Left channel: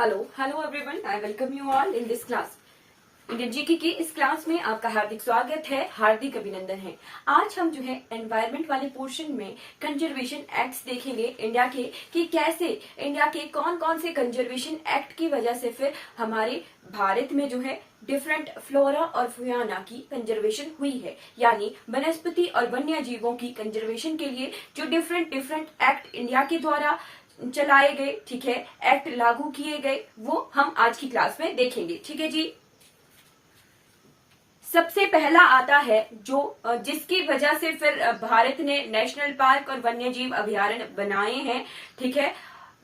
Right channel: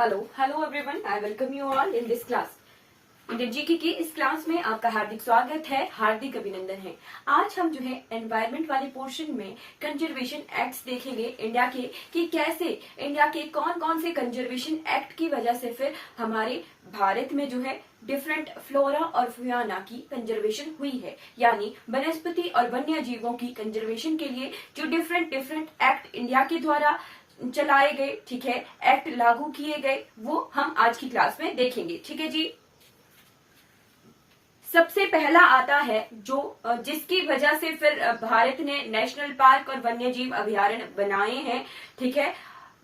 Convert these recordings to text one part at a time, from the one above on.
Hello everyone. I welcome you all in this class. Indian GK की इस class में आपका हार्दिक स्वागत है, हार्दिक अभिनंदन है। आज हम जो है एनवायरमेंट वाले पोर्शन में कंजर्वेशन एक्ट्स देखेंगे इंडिया के कि कैसे इंडिया के कौन कौन से कंजर्वेशन एक्ट की वजह से फिर हमारे भारत में जो है डिफरेंट फ्लोरा और फ्योना की कंजर्वेशन हुई है, यानी वनस्पति और वन्य जीवों की कंजर्वेशन के लिए जो डिफरेंट एक्ट इंडिया के द्वारा चलाए गए, ठीक है, एक्ट लागू किए गए, वो हम आज की क्लास में देखेंगे। ठीक है जी। सबसे पहला आता है जो जिसकी वजह से फिर भारत ने नेशनल पार्क और वन्य जीव अभयारण्य बनाए हैं। ठीक है,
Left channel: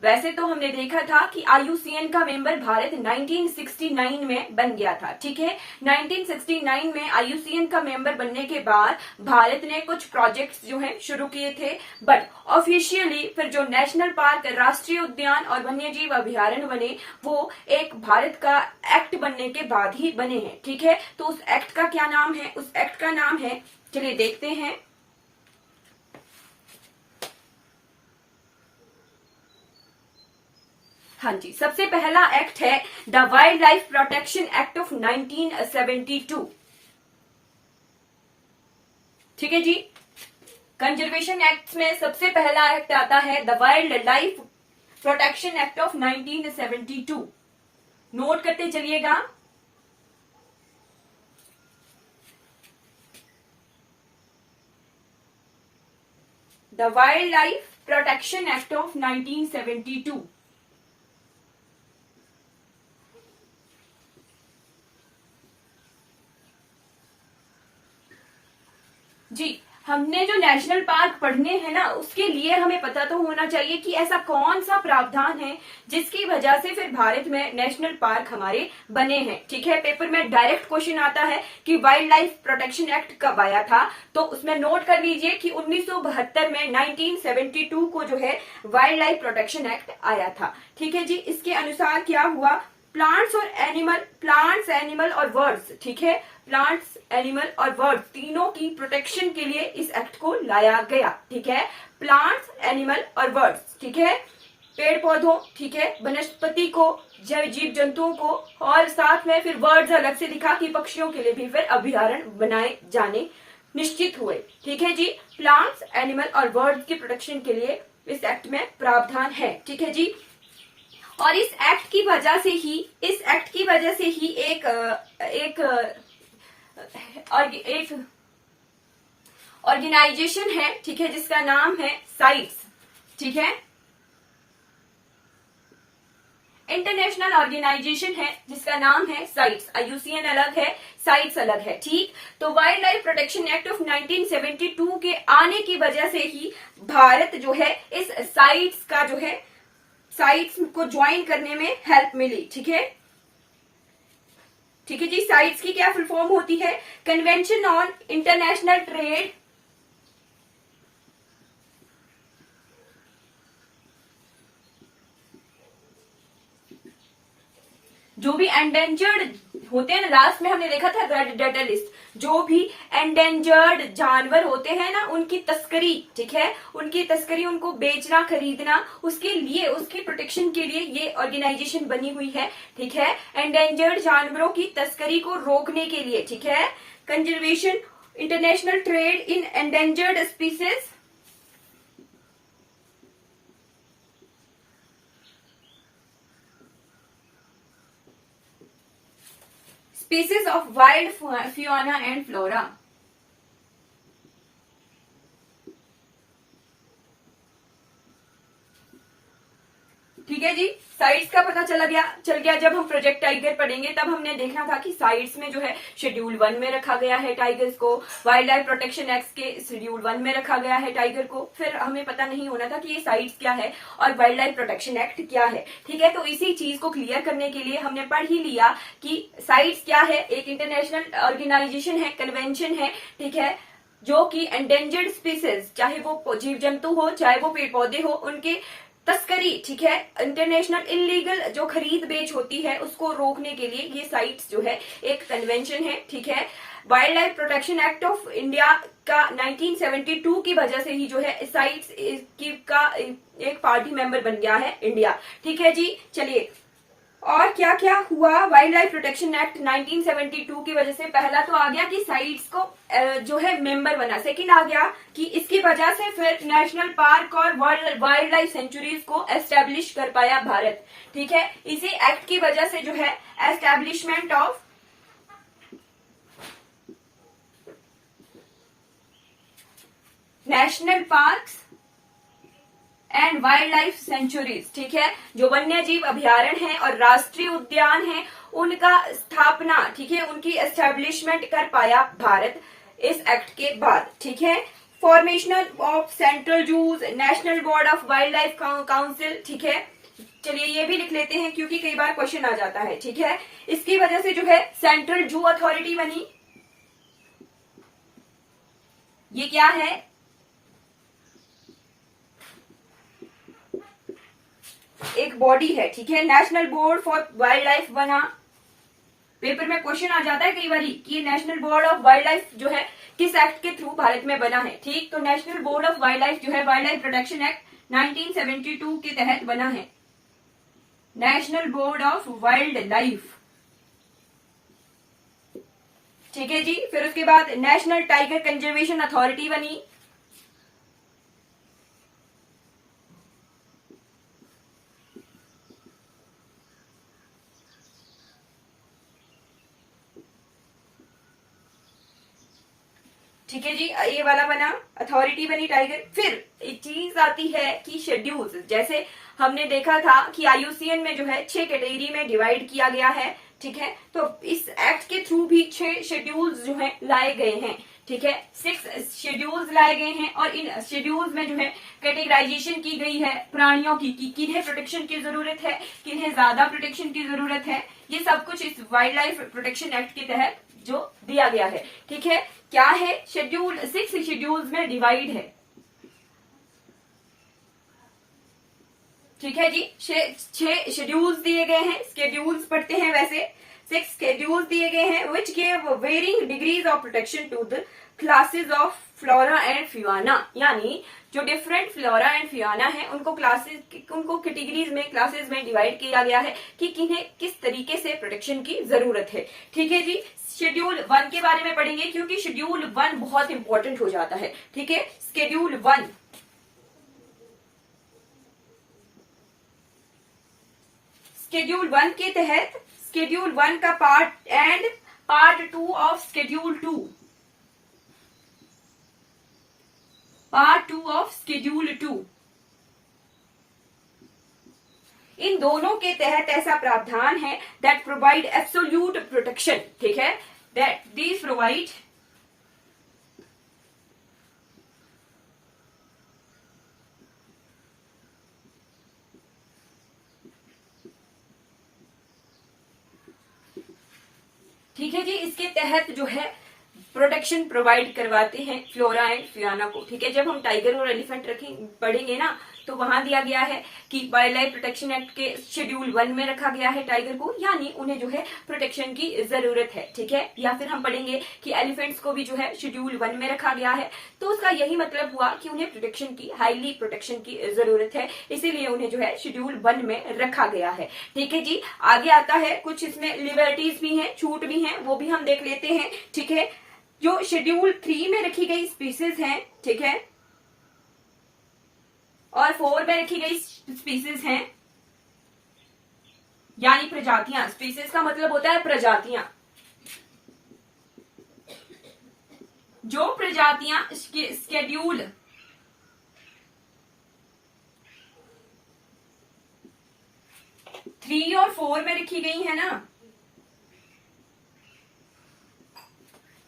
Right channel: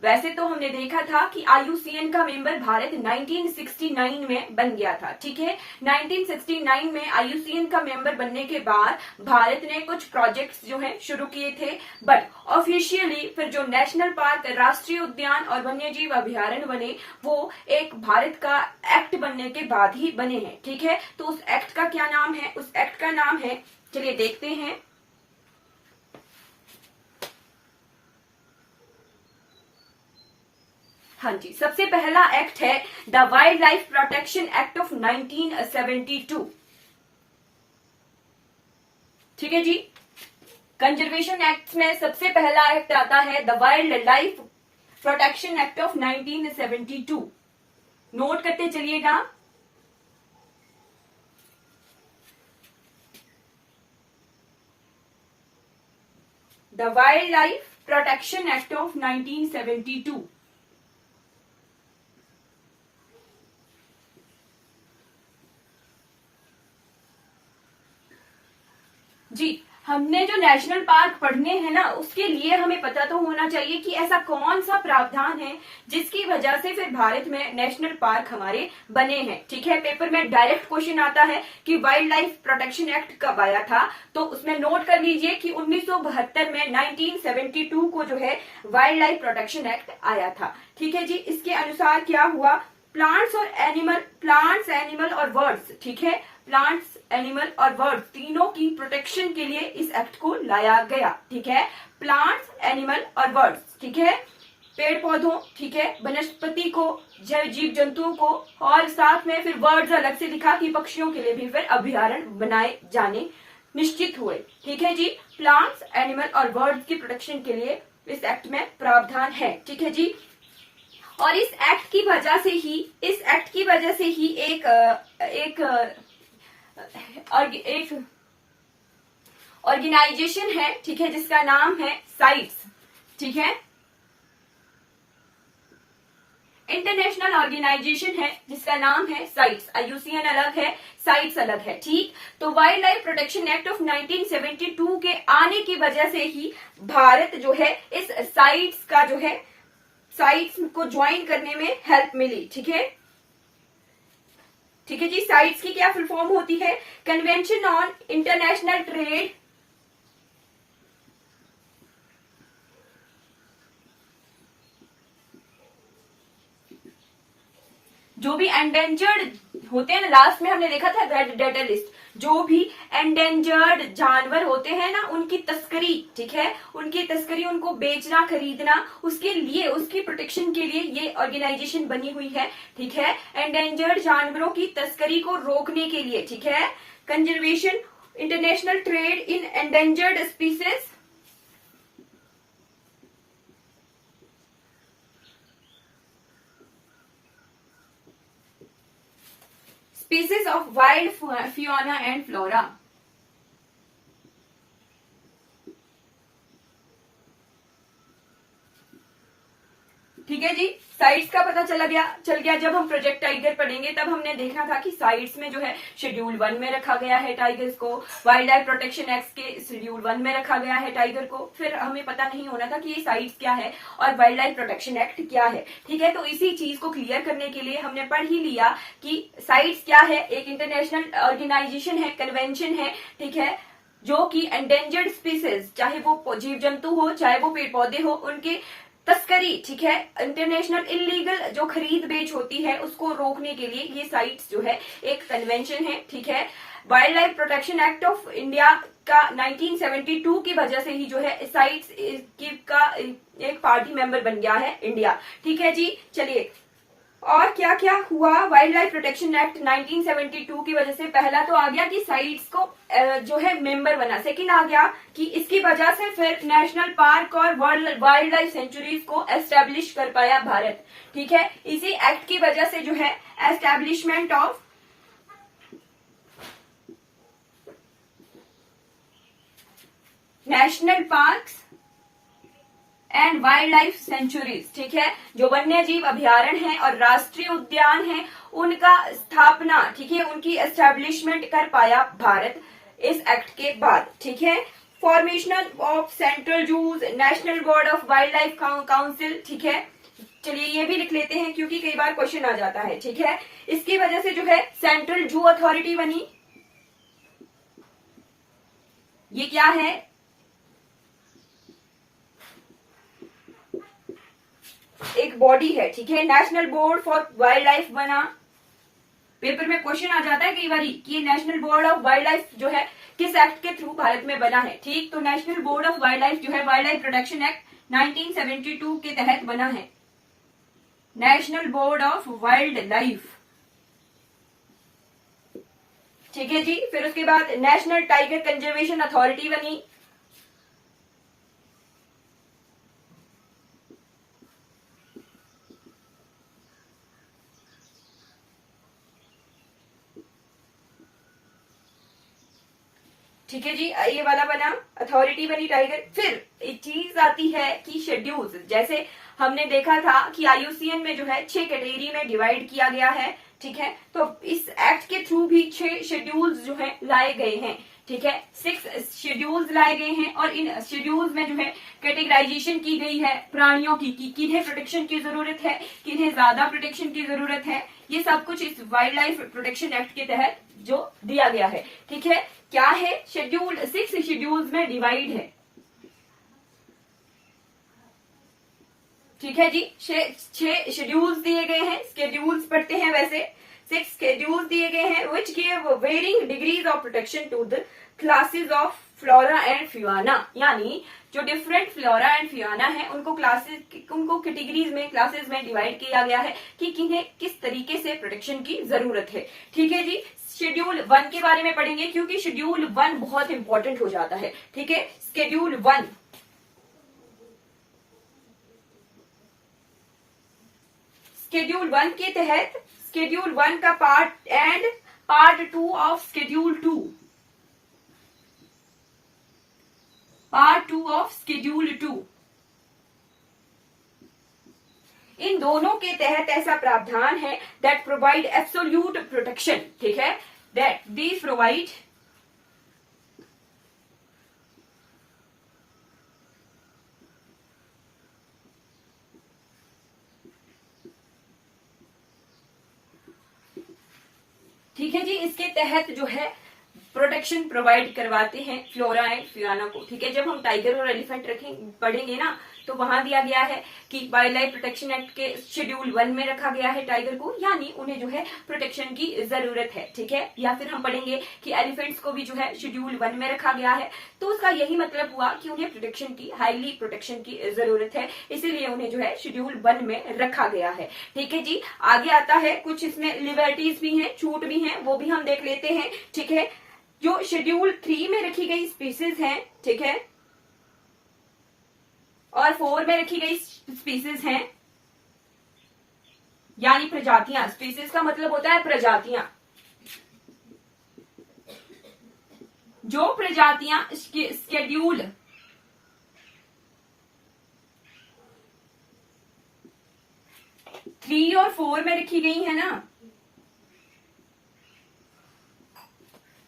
वैसे तो हमने देखा था कि IUCN का मेंबर भारत 1969 में बन गया था। ठीक है, 1969 में IUCN का मेंबर बनने के बाद भारत ने कुछ प्रोजेक्ट्स जो है शुरू किए थे, बट ऑफिशियली फिर जो नेशनल पार्क, राष्ट्रीय उद्यान और वन्य जीव अभयारण्य बने वो एक भारत का एक्ट बनने के बाद ही बने हैं। ठीक है, तो उस एक्ट का क्या नाम है? उस एक्ट का नाम है, चलिए देखते हैं। हाँ जी, सबसे पहला एक्ट है the wild life protection act of 1972। ठीक है जी, कंजर्वेशन एक्ट में सबसे पहला एक्ट आता है the wild life protection act of 1972। Note करते चलिएगा। The wild life protection act of 1972। जी, हमने जो नेशनल पार्क पढ़ने हैं ना, उसके लिए हमें पता तो होना चाहिए कि ऐसा कौन सा प्रावधान है जिसकी वजह से फिर भारत में नेशनल पार्क हमारे बने हैं। ठीक है, पेपर में डायरेक्ट क्वेश्चन आता है कि वाइल्ड लाइफ प्रोटेक्शन एक्ट कब आया था, तो उसमें नोट कर लीजिए कि 1972 में 1972 को जो है वाइल्ड लाइफ प्रोटेक्शन एक्ट आया था। ठीक है जी, इसके अनुसार क्या हुआ, प्लांट्स, एनिमल और बर्ड्स, ठीक है, प्लांट्स, एनिमल और बर्ड्स तीनों की प्रोटेक्शन के लिए इस एक्ट को लाया गया। ठीक है, प्लांट्स, एनिमल और बर्ड्स, ठीक है, पेड़ पौधों, ठीक है, वनस्पति को, जीव जंतुओं को, और साथ में फिर बर्ड्स अलग से लिखा कि पक्षियों के लिए भी फिर अभयारण्य बनाए जाने निश्चित हुए। ठीक है जी, प्लांट्स, एनिमल और बर्ड्स की प्रोटेक्शन के लिए इस एक्ट में प्रावधान है। ठीक है जी, और इस एक्ट की वजह से ही एक ऑर्गेनाइजेशन है, ठीक है, जिसका नाम है साइट्स। ठीक है, इंटरनेशनल ऑर्गेनाइजेशन है जिसका नाम है साइट्स। IUCN अलग है, साइट्स अलग है। ठीक, तो wild life protection act of 1972 के आने की वजह से ही भारत जो है इस साइट्स का जो है साइट्स को ज्वाइन करने में हेल्प मिली। ठीक है, ठीक है जी, साइट्स की क्या फुल फॉर्म होती है? कन्वेंशन ऑन इंटरनेशनल ट्रेड जो भी एंडेंजर्ड होते हैं ना, लास्ट में हमने देखा था रेड डेटा लिस्ट, जो भी एंडेंजर्ड जानवर होते हैं ना, उनकी तस्करी, ठीक है, उनकी तस्करी, उनको बेचना, खरीदना, उसके लिए, उसकी प्रोटेक्शन के लिए ये ऑर्गेनाइजेशन बनी हुई है। ठीक है, एंडेंजर्ड जानवरों की तस्करी को रोकने के लिए। ठीक है, conservation, international trade in endangered species, species of wild fauna and flora। ठीक है जी, साइट्स का पता चल गया। जब हम प्रोजेक्ट टाइगर पढ़ेंगे तब हमने देखना था कि साइट्स में जो है शेड्यूल 1 में रखा गया है टाइगर्स को, वाइल्ड लाइफ प्रोटेक्शन एक्ट के शेड्यूल 1 में रखा गया है टाइगर को। फिर हमें पता नहीं होना था कि ये साइट्स क्या है और वाइल्ड लाइफ प्रोटेक्शन एक्ट क्या है। ठीक है, तो इसी चीज को क्लियर करने के लिए हमने पढ़ ही लिया कि साइट्स क्या है, एक इंटरनेशनल ऑर्गेनाइजेशन है, कन्वेंशन है, ठीक है, जो कि एंडेंजर्ड स्पीसीज, चाहे वो जीव जंतु हो, चाहे वो पेड़ पौधे हो, उनके तस्करी, ठीक है, इंटरनेशनल इलीगल जो खरीद बेच होती है उसको रोकने के लिए ये साइट्स जो है एक कन्वेंशन है। ठीक है, wild life protection act of India का 1972 की वजह से ही जो है साइट्स का एक पार्टी मेंबर बन गया है इंडिया। ठीक है जी, चलिए और क्या क्या हुआ वाइल्ड लाइफ प्रोटेक्शन एक्ट 1972 की वजह से? पहला तो आ गया कि साइट्स को जो है मेंबर बना। सेकंड आ गया कि इसकी वजह से फिर नेशनल पार्क और वाइल्ड लाइफ सेंचुरीज को एस्टेब्लिश कर पाया भारत। ठीक है, इसी एक्ट की वजह से जो है establishment of national parks and wild life sanctuaries, ठीक है, जो वन्य जीव अभ्यारण्य है और राष्ट्रीय उद्यान है, उनका स्थापना, ठीक है, उनकी एस्टेब्लिशमेंट कर पाया भारत इस एक्ट के बाद। ठीक है, formation of central zoos, national board of wildlife council. ठीक है, चलिए ये भी लिख लेते हैं क्योंकि कई बार क्वेश्चन आ जाता है। ठीक है, इसकी वजह से जो है सेंट्रल जू अथॉरिटी बनी। ये क्या है? एक बॉडी है। ठीक है, national board for wild life बना। पेपर में क्वेश्चन आ जाता है कई बार कि national board of wild life जो है किस एक्ट के थ्रू भारत में बना है। ठीक, तो national board of wild life जो है वाइल्ड लाइफ प्रोटेक्शन एक्ट 1972 के तहत बना है। National board of wild life. ठीक है जी, फिर उसके बाद नेशनल टाइगर कंजर्वेशन अथॉरिटी बनी। ठीक है जी, ये वाला बना, अथॉरिटी बनी टाइगर। फिर एक चीज आती है कि शेड्यूल्स, जैसे हमने देखा था कि आईयूसीएन में जो है 6 कैटेगरी में डिवाइड किया गया है। ठीक है, तो इस एक्ट के थ्रू भी 6 शेड्यूल्स जो है लाए गए हैं। ठीक है, 6 शेड्यूल्स लाए गए हैं और इन शेड्यूल्स में जो है कैटेगराइजेशन की गई है प्राणियों की, कि किन्हें प्रोटेक्शन की जरूरत है, किन्हें ज्यादा प्रोटेक्शन की जरूरत है। ये सब कुछ इस वाइल्ड लाइफ प्रोटेक्शन एक्ट के तहत जो दिया गया है। ठीक है, क्या है? शेड्यूल 6 शेड्यूल्स में डिवाइड है। ठीक है जी, 6 शेड्यूल्स दिए गए हैं। शेड्यूल्स पढ़ते हैं वैसे। 6 शेड्यूल्स दिए गए हैं which give varying degrees of protection to the classes of flora and fauna, यानी जो डिफरेंट फ्लोरा एंड फ्यूना है उनको कैटेगरीज में, क्लासेस में डिवाइड किया गया है कि किन्हें किस तरीके से प्रोटेक्शन की जरूरत है। ठीक है जी, शेड्यूल 1 के बारे में पढ़ेंगे क्योंकि शेड्यूल 1 बहुत इंपॉर्टेंट हो जाता है। ठीक है, शेड्यूल 1, शेड्यूल 1 के तहत शेड्यूल 1 का part and part 2 of schedule 2, part 2 of schedule 2, इन दोनों के तहत ऐसा प्रावधान है दैट प्रोवाइड एब्सोल्यूट प्रोटेक्शन। ठीक है, दैट दीज प्रोवाइड ठीक है जी, इसके तहत जो है प्रोटेक्शन प्रोवाइड करवाते हैं फ्लोरा एंड फ्यूना को। ठीक है, जब हम टाइगर और एलिफेंट पढ़ेंगे ना तो वहां दिया गया है कि वाइल्ड लाइफ प्रोटेक्शन एक्ट के शेड्यूल 1 में रखा गया है टाइगर को, यानी उन्हें जो है प्रोटेक्शन की जरूरत है। ठीक है, या फिर हम पढ़ेंगे कि एलिफेंट्स को भी जो है शेड्यूल 1 में रखा गया है, तो उसका यही मतलब हुआ कि उन्हें प्रोटेक्शन की, हाईली प्रोटेक्शन की जरूरत है, इसीलिए उन्हें जो है शेड्यूल 1 में रखा गया है। ठीक है जी, आगे आता है कुछ इसमें लिबर्टीज भी हैं, छूट भी हैं, वो भी हम देख लेते हैं। ठीक है, जो शेड्यूल 3 में रखी गई स्पीसीज हैं, ठीक है, और 4 में रखी गई स्पीसीज हैं, यानी प्रजातियां। स्पीसीज का मतलब होता है प्रजातियां। जो प्रजातियां शेड्यूल 3 और 4 में रखी गई है ना,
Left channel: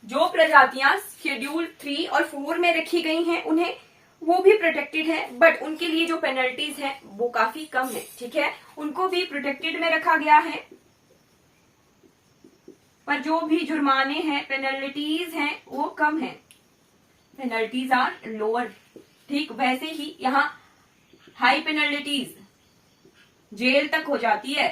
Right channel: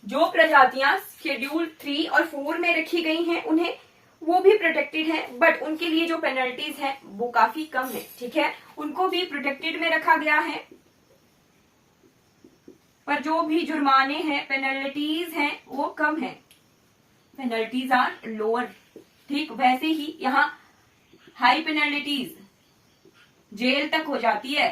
जो प्रजातियां शेड्यूल 3 और 4 में रखी गई हैं उन्हें, वो भी प्रोटेक्टेड है, बट उनके लिए जो पेनल्टीज हैं वो काफी कम है। ठीक है, उनको भी प्रोटेक्टेड में रखा गया है, पर जो भी जुर्माने हैं, पेनल्टीज हैं, वो कम है। Penalties are lower. ठीक, वैसे ही यहाँ हाई पेनल्टीज जेल तक हो जाती है,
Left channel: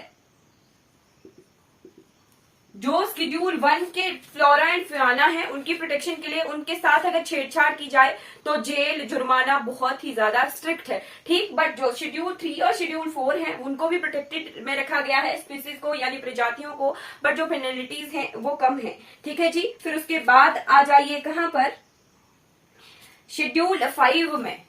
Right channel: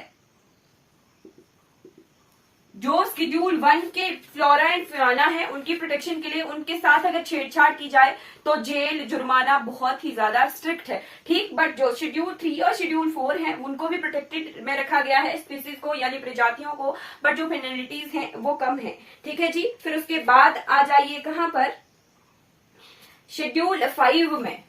जो शेड्यूल 1 के फ्लोरा एंड फ्योना है उनकी प्रोटेक्शन के लिए उनके साथ अगर छेड़छाड़ की जाए तो जेल जुर्माना बहुत ही ज्यादा स्ट्रिक्ट है, ठीक। बट जो शेड्यूल 3 और शेड्यूल 4 है उनको भी प्रोटेक्टेड में रखा गया है स्पीसीज को यानी प्रजातियों को, बट जो पेनल्टीज हैं वो कम है, ठीक है जी। फिर उसके बाद आ जाइए कहां पर, शेड्यूल 5 में।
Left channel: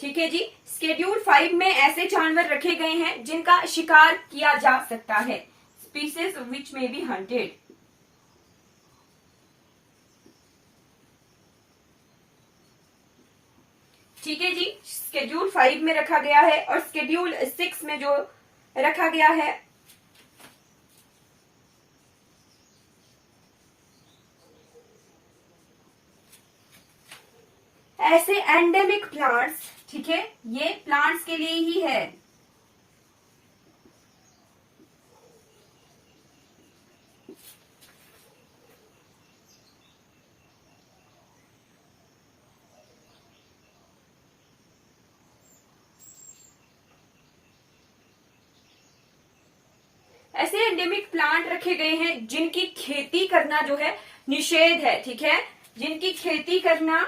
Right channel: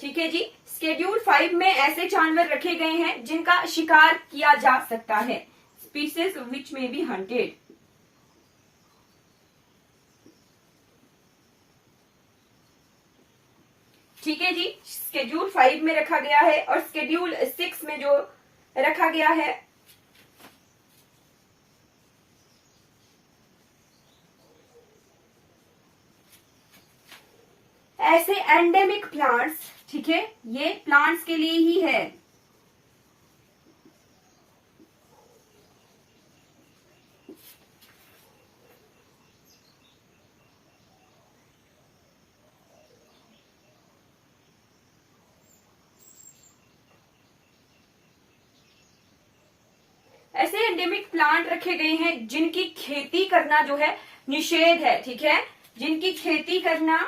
ठीक है जी, शेड्यूल 5 में ऐसे जानवर रखे गए हैं जिनका शिकार किया जा सकता है, स्पीसीज विच में बी हंटेड। ठीक है जी, शेड्यूल 5 में रखा गया है। और शेड्यूल 6 में जो रखा गया है, ऐसे एंडेमिक प्लांट्स, ठीक है, ये प्लांट्स के लिए ही है। ऐसे एंडेमिक प्लांट रखे गए हैं जिनकी खेती करना जो है निषेध है, ठीक है, जिनकी खेती करना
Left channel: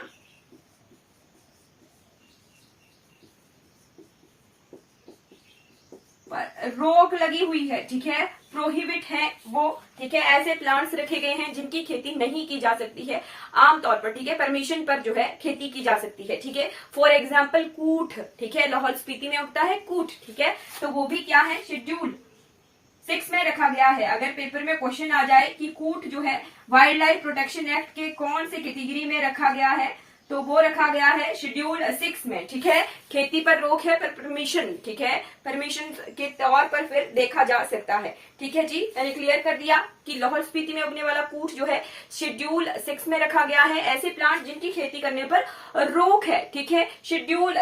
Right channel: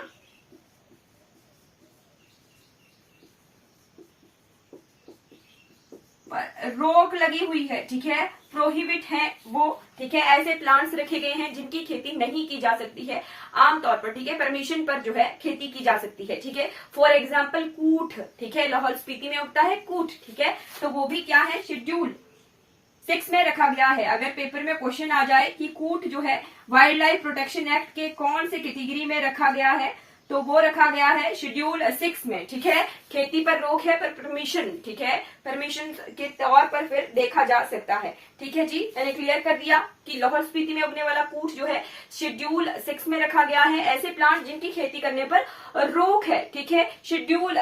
रोक लगी हुई है, ठीक है, प्रोहिबिट है वो, ठीक है। ऐसे प्लांट्स रखे गए हैं जिनकी खेती नहीं की जा सकती है आमतौर पर, ठीक है, परमिशन पर जो है खेती की जा सकती है, ठीक है। फॉर एग्जाम्पल कूट, ठीक है, लाहौल स्पीति में उगता है कूट, ठीक है, तो वो भी क्या है, शेड्यूल 6 में रखा गया है। अगर पेपर में क्वेश्चन आ जाए कि कूट जो है वाइल्ड लाइफ प्रोटेक्शन एक्ट के कौन से कैटेगरी में रखा गया है, तो वो रखा गया है शेड्यूल 6 में, ठीक है। खेती पर रोक है पर परमिशन, ठीक है, परमिशन के तौर पर फिर देखा जा सकता है, ठीक है जी। मैंने क्लियर कर दिया कि लाहौल स्पीति में उगने वाला कूट जो है शेड्यूल 6 में रखा गया है। ऐसे प्लांट जिनकी खेती करने पर रोक है, ठीक है। शेड्यूल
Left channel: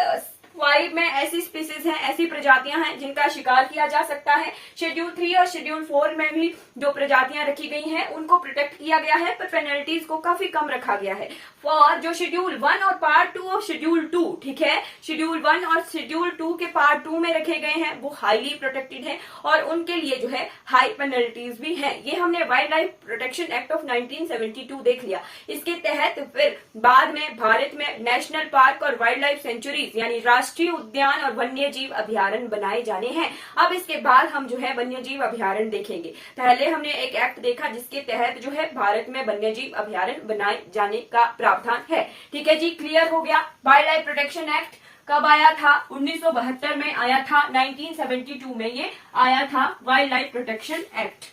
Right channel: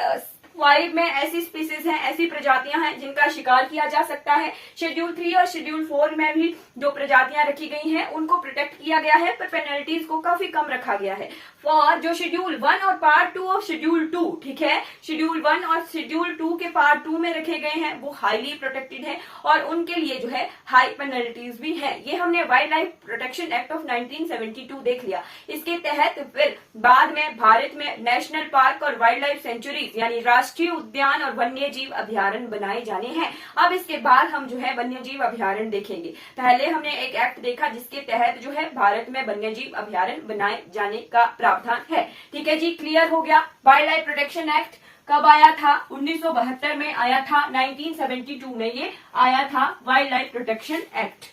5 में ऐसी स्पीसीज हैं, ऐसी प्रजातियां हैं जिनका शिकार किया जा सकता है। शेड्यूल 3 और शेड्यूल 4 में भी जो प्रजातियां रखी गई हैं उनको प्रोटेक्ट किया गया है, पर पेनल्टीज को काफी कम रखा गया है। और जो शेड्यूल 1 और पार्ट 2 ऑफ शेड्यूल 2, ठीक है, शेड्यूल 1 और शेड्यूल 2 के पार्ट 2 में रखे गए हैं वो हाईली प्रोटेक्टेड है और उनके लिए जो है हाई पेनल्टीज भी है। ये हमने wild life protection act of 1972 देख लिया। इसके तहत फिर बाद में भारत में नेशनल पार्क और वाइल्ड लाइफ सेंचुरीज यानी राष्ट्रीय उद्यान और वन्य जीव अभ्यारण्य बनाए जाने हैं। अब इसके बाद हम जो है वन्य जीव अभ्यारण्य देखेंगे। पहले हमने एक एक्ट देखा जिसके तहत जो है भारत में वन्य जीव अभ्यारण्य बनाए जाने का प्रावधान है, ठीक है जी। क्लियर हो गया। वाइल्ड लाइफ प्रोटेक्शन एक्ट कब आया था, 1972 में आया था, 1972 में ये आया था वाइल्ड लाइफ प्रोटेक्शन एक्ट,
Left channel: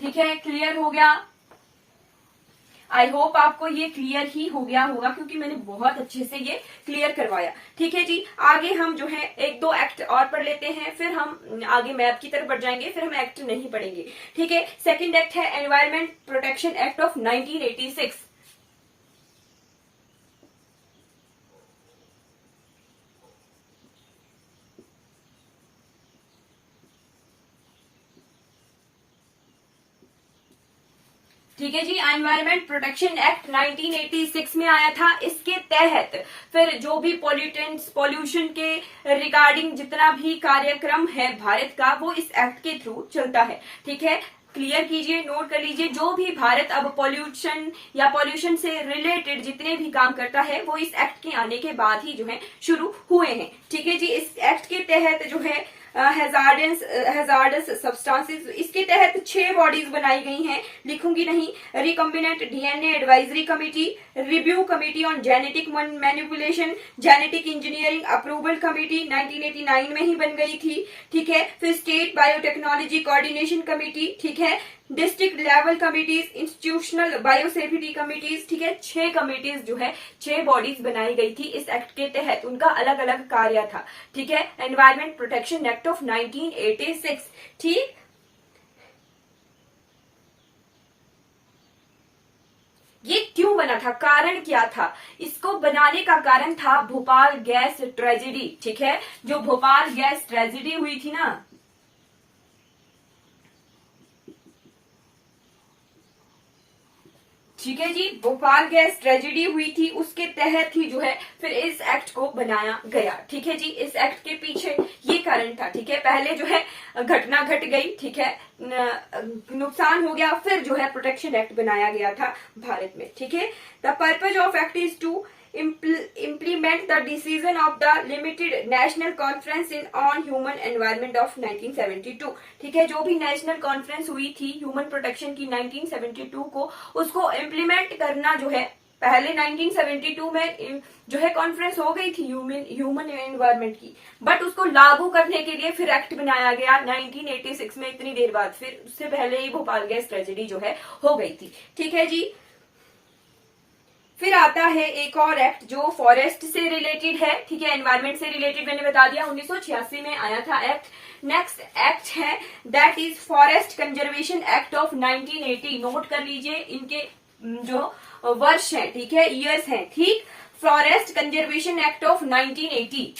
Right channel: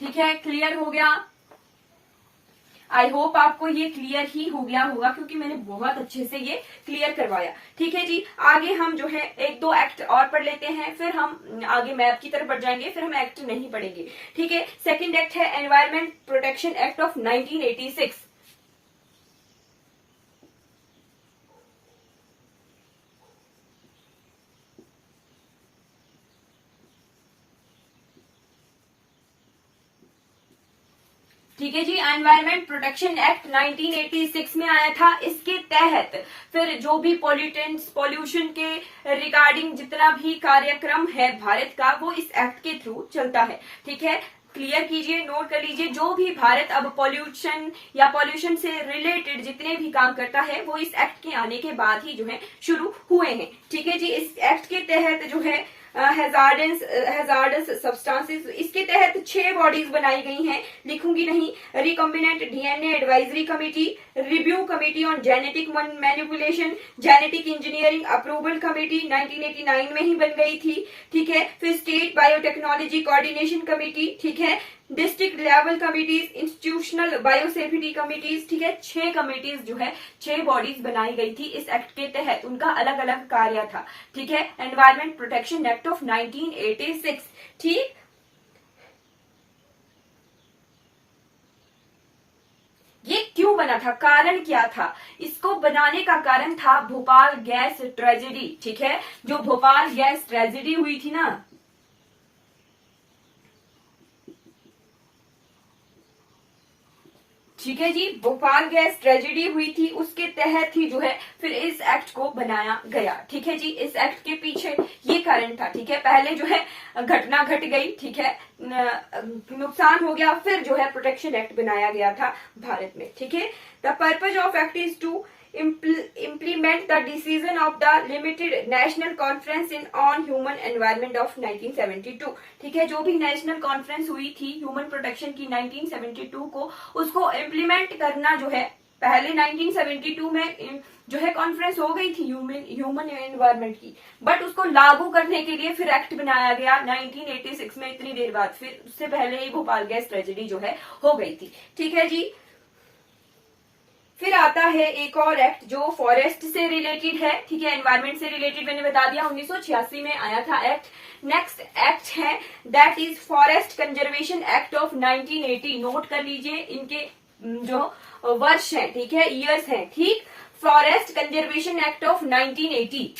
ठीक है। क्लियर हो गया। आई होप आपको ये क्लियर ही हो गया होगा क्योंकि मैंने बहुत अच्छे से ये क्लियर करवाया, ठीक है जी। आगे हम जो है एक दो एक्ट और पढ़ लेते हैं, फिर हम आगे मैप की तरफ बढ़ जाएंगे, फिर हम एक्ट नहीं पढ़ेंगे, ठीक है। सेकंड एक्ट है एनवायरमेंट प्रोटेक्शन एक्ट ऑफ 1986। ठीक है जी, एनवायरमेंट प्रोटेक्शन एक्ट 1986 में आया था। इसके तहत फिर जो भी पॉल्यूटेंट्स पॉल्यूशन के रिगार्डिंग जितना भी कार्यक्रम है भारत का वो इस एक्ट के थ्रू चलता है, ठीक है। क्लियर कीजिए, नोट कर लीजिए, जो भी भारत अब पॉल्यूशन या पॉल्यूशन से रिलेटेड जितने भी काम करता है वो इस एक्ट के आने के बाद ही जो है शुरू हुए हैं, ठीक है जी। इस एक्ट के तहत जो है हैजार्डस सब्सटेंसेस, इसके तहत 6 बॉडीज बनाई गई हैं, लिखूंगी नहीं। Recombinant DNA advisory committee, review committee on genetic manipulation, genetic engineering approval committee 1989 में ही बन गई थी, ठीक है। फिर स्टेट बायोटेक्नोलॉजी कोऑर्डिनेशन कमेटी, ठीक है। District level committees, institutional biosafety committees, ठीक है। 6 कमिटीज जो है 6 बॉडीज बनाई गई थी इस एक्ट के तहत, उनका अलग अलग कार्य था, ठीक है। एनवायरमेंट प्रोटेक्शन एक्ट ऑफ 1986, ठीक। ये क्यों बना था, कारण क्या था, इसको बनाने का कारण था भोपाल गैस ट्रेजेडी, ठीक है। जो भोपाल गैस ट्रेजेडी हुई थी ना, ठीक है जी, भोपाल गैस ट्रेजेडी हुई थी, उसके तहत ही जो है फिर इस एक्ट को बनाया गया। ठीक है जी, इस एक्ट के पीछे ये कारण था। ठीक है, पहले जो है घटना घट गई, ठीक है, नुकसान हो गया, फिर जो है प्रोटेक्शन एक्ट बनाया गया था भारत में। ठीक है, the purpose of act is to implement the decision of the limited national conference on human environment of 1972। ठीक है, जो भी नेशनल कॉन्फ्रेंस हुई थी ह्यूमन प्रोटेक्शन की 1972 को, उसको इम्प्लीमेंट करना जो है, पहले 1972 में जो है कॉन्फ्रेंस हो गई थी ह्यूमन एनवायरमेंट की, बट उसको लागू करने के लिए फिर एक्ट बनाया गया 1986 में, इतनी देर बाद। फिर उससे पहले ही भोपाल गैस ट्रेजेडी जो है हो गई थी। ठीक है जी, फिर आता है एक और एक्ट जो फॉरेस्ट से रिलेटेड है। ठीक है, एनवायरमेंट से रिलेटेड मैंने बता दिया, 1986 में आया था एक्ट। नेक्स्ट एक्ट है that is forest conservation act of 1980। Note कर लीजिए इनके जो वर्ष हैं, ठीक है, ईयर्स हैं। ठीक, फॉरेस्ट कंजर्वेशन एक्ट ऑफ 1980।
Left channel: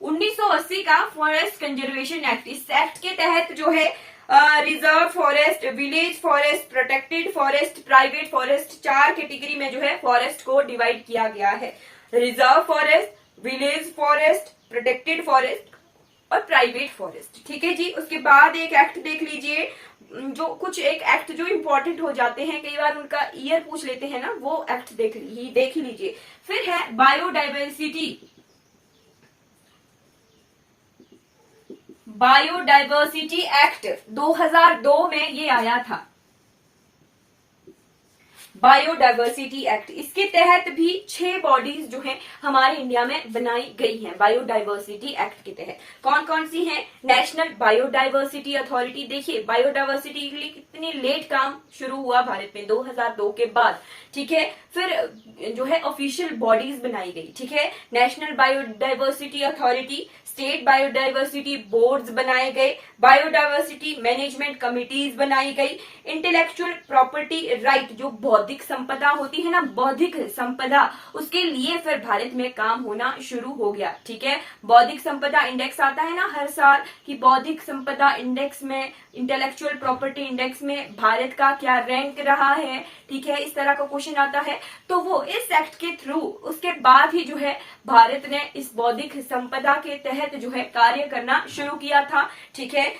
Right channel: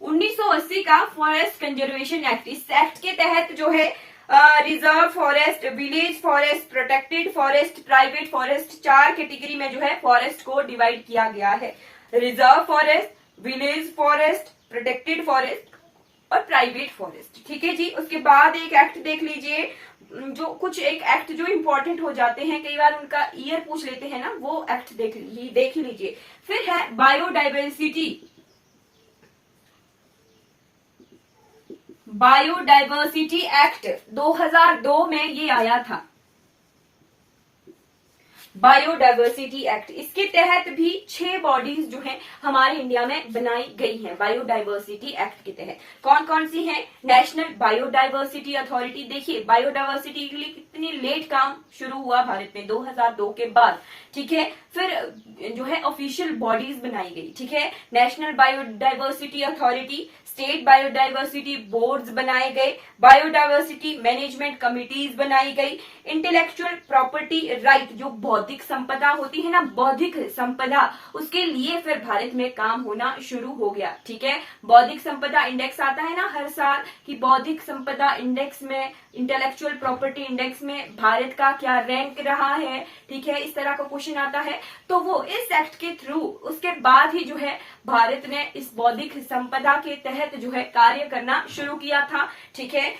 1980 का फॉरेस्ट कंजर्वेशन एक्ट। इस एक्ट के तहत जो है reserve forest, village forest, protected forest, private forest, 4 category में जो है फॉरेस्ट को डिवाइड किया गया है। Reserve forest, village forest, protected forest और प्राइवेट फॉरेस्ट। ठीक है जी, उसके बाद एक एक्ट देख लीजिए, जो कुछ एक एक्ट जो इंपॉर्टेंट हो जाते हैं, कई बार उनका ईयर पूछ लेते हैं ना, वो एक्ट देख ही लीजिए। फिर है बायोडाइवर्सिटी एक्ट, 2002 में ये आया था, बायोडाइवर्सिटी एक्ट। इसके तहत भी 6 बॉडीज जो है हमारे इंडिया में बनाई गई हैं बायोडाइवर्सिटी एक्ट के तहत। कौन कौन सी हैं? National biodiversity authority. देखिए, बायोडाइवर्सिटी के लिए कितने लेट काम शुरू हुआ भारत में, 2002 के बाद। ठीक है, फिर जो है ऑफिशियल बॉडीज बनाई गई। ठीक है, national biodiversity authority, state biodiversity boards बनाए गए, बायोडाइवर्सिटी मैनेजमेंट कमिटीज बनाई गई, इंटेलेक्चुअल प्रॉपर्टी राइट, जो बौद्धिक संपदा होती है ना, बौद्धिक संपदा, उसके लिए फिर भारत में काम होना शुरू हो गया। ठीक है, बौद्धिक संपदा इंडेक्स आता है ना हर साल, कि बौद्धिक संपदा इंडेक्स में, इंटेलेक्चुअल प्रॉपर्टी इंडेक्स में भारत का क्या रैंक रहा है। ठीक है, इस तरह का क्वेश्चन आता है, तो वो इस एक्ट के थ्रू, उसके बाद ही जो है भारत ने इस बौद्धिक संपदा के तहत जो है कार्य करना शुरू किया था। ठीक है,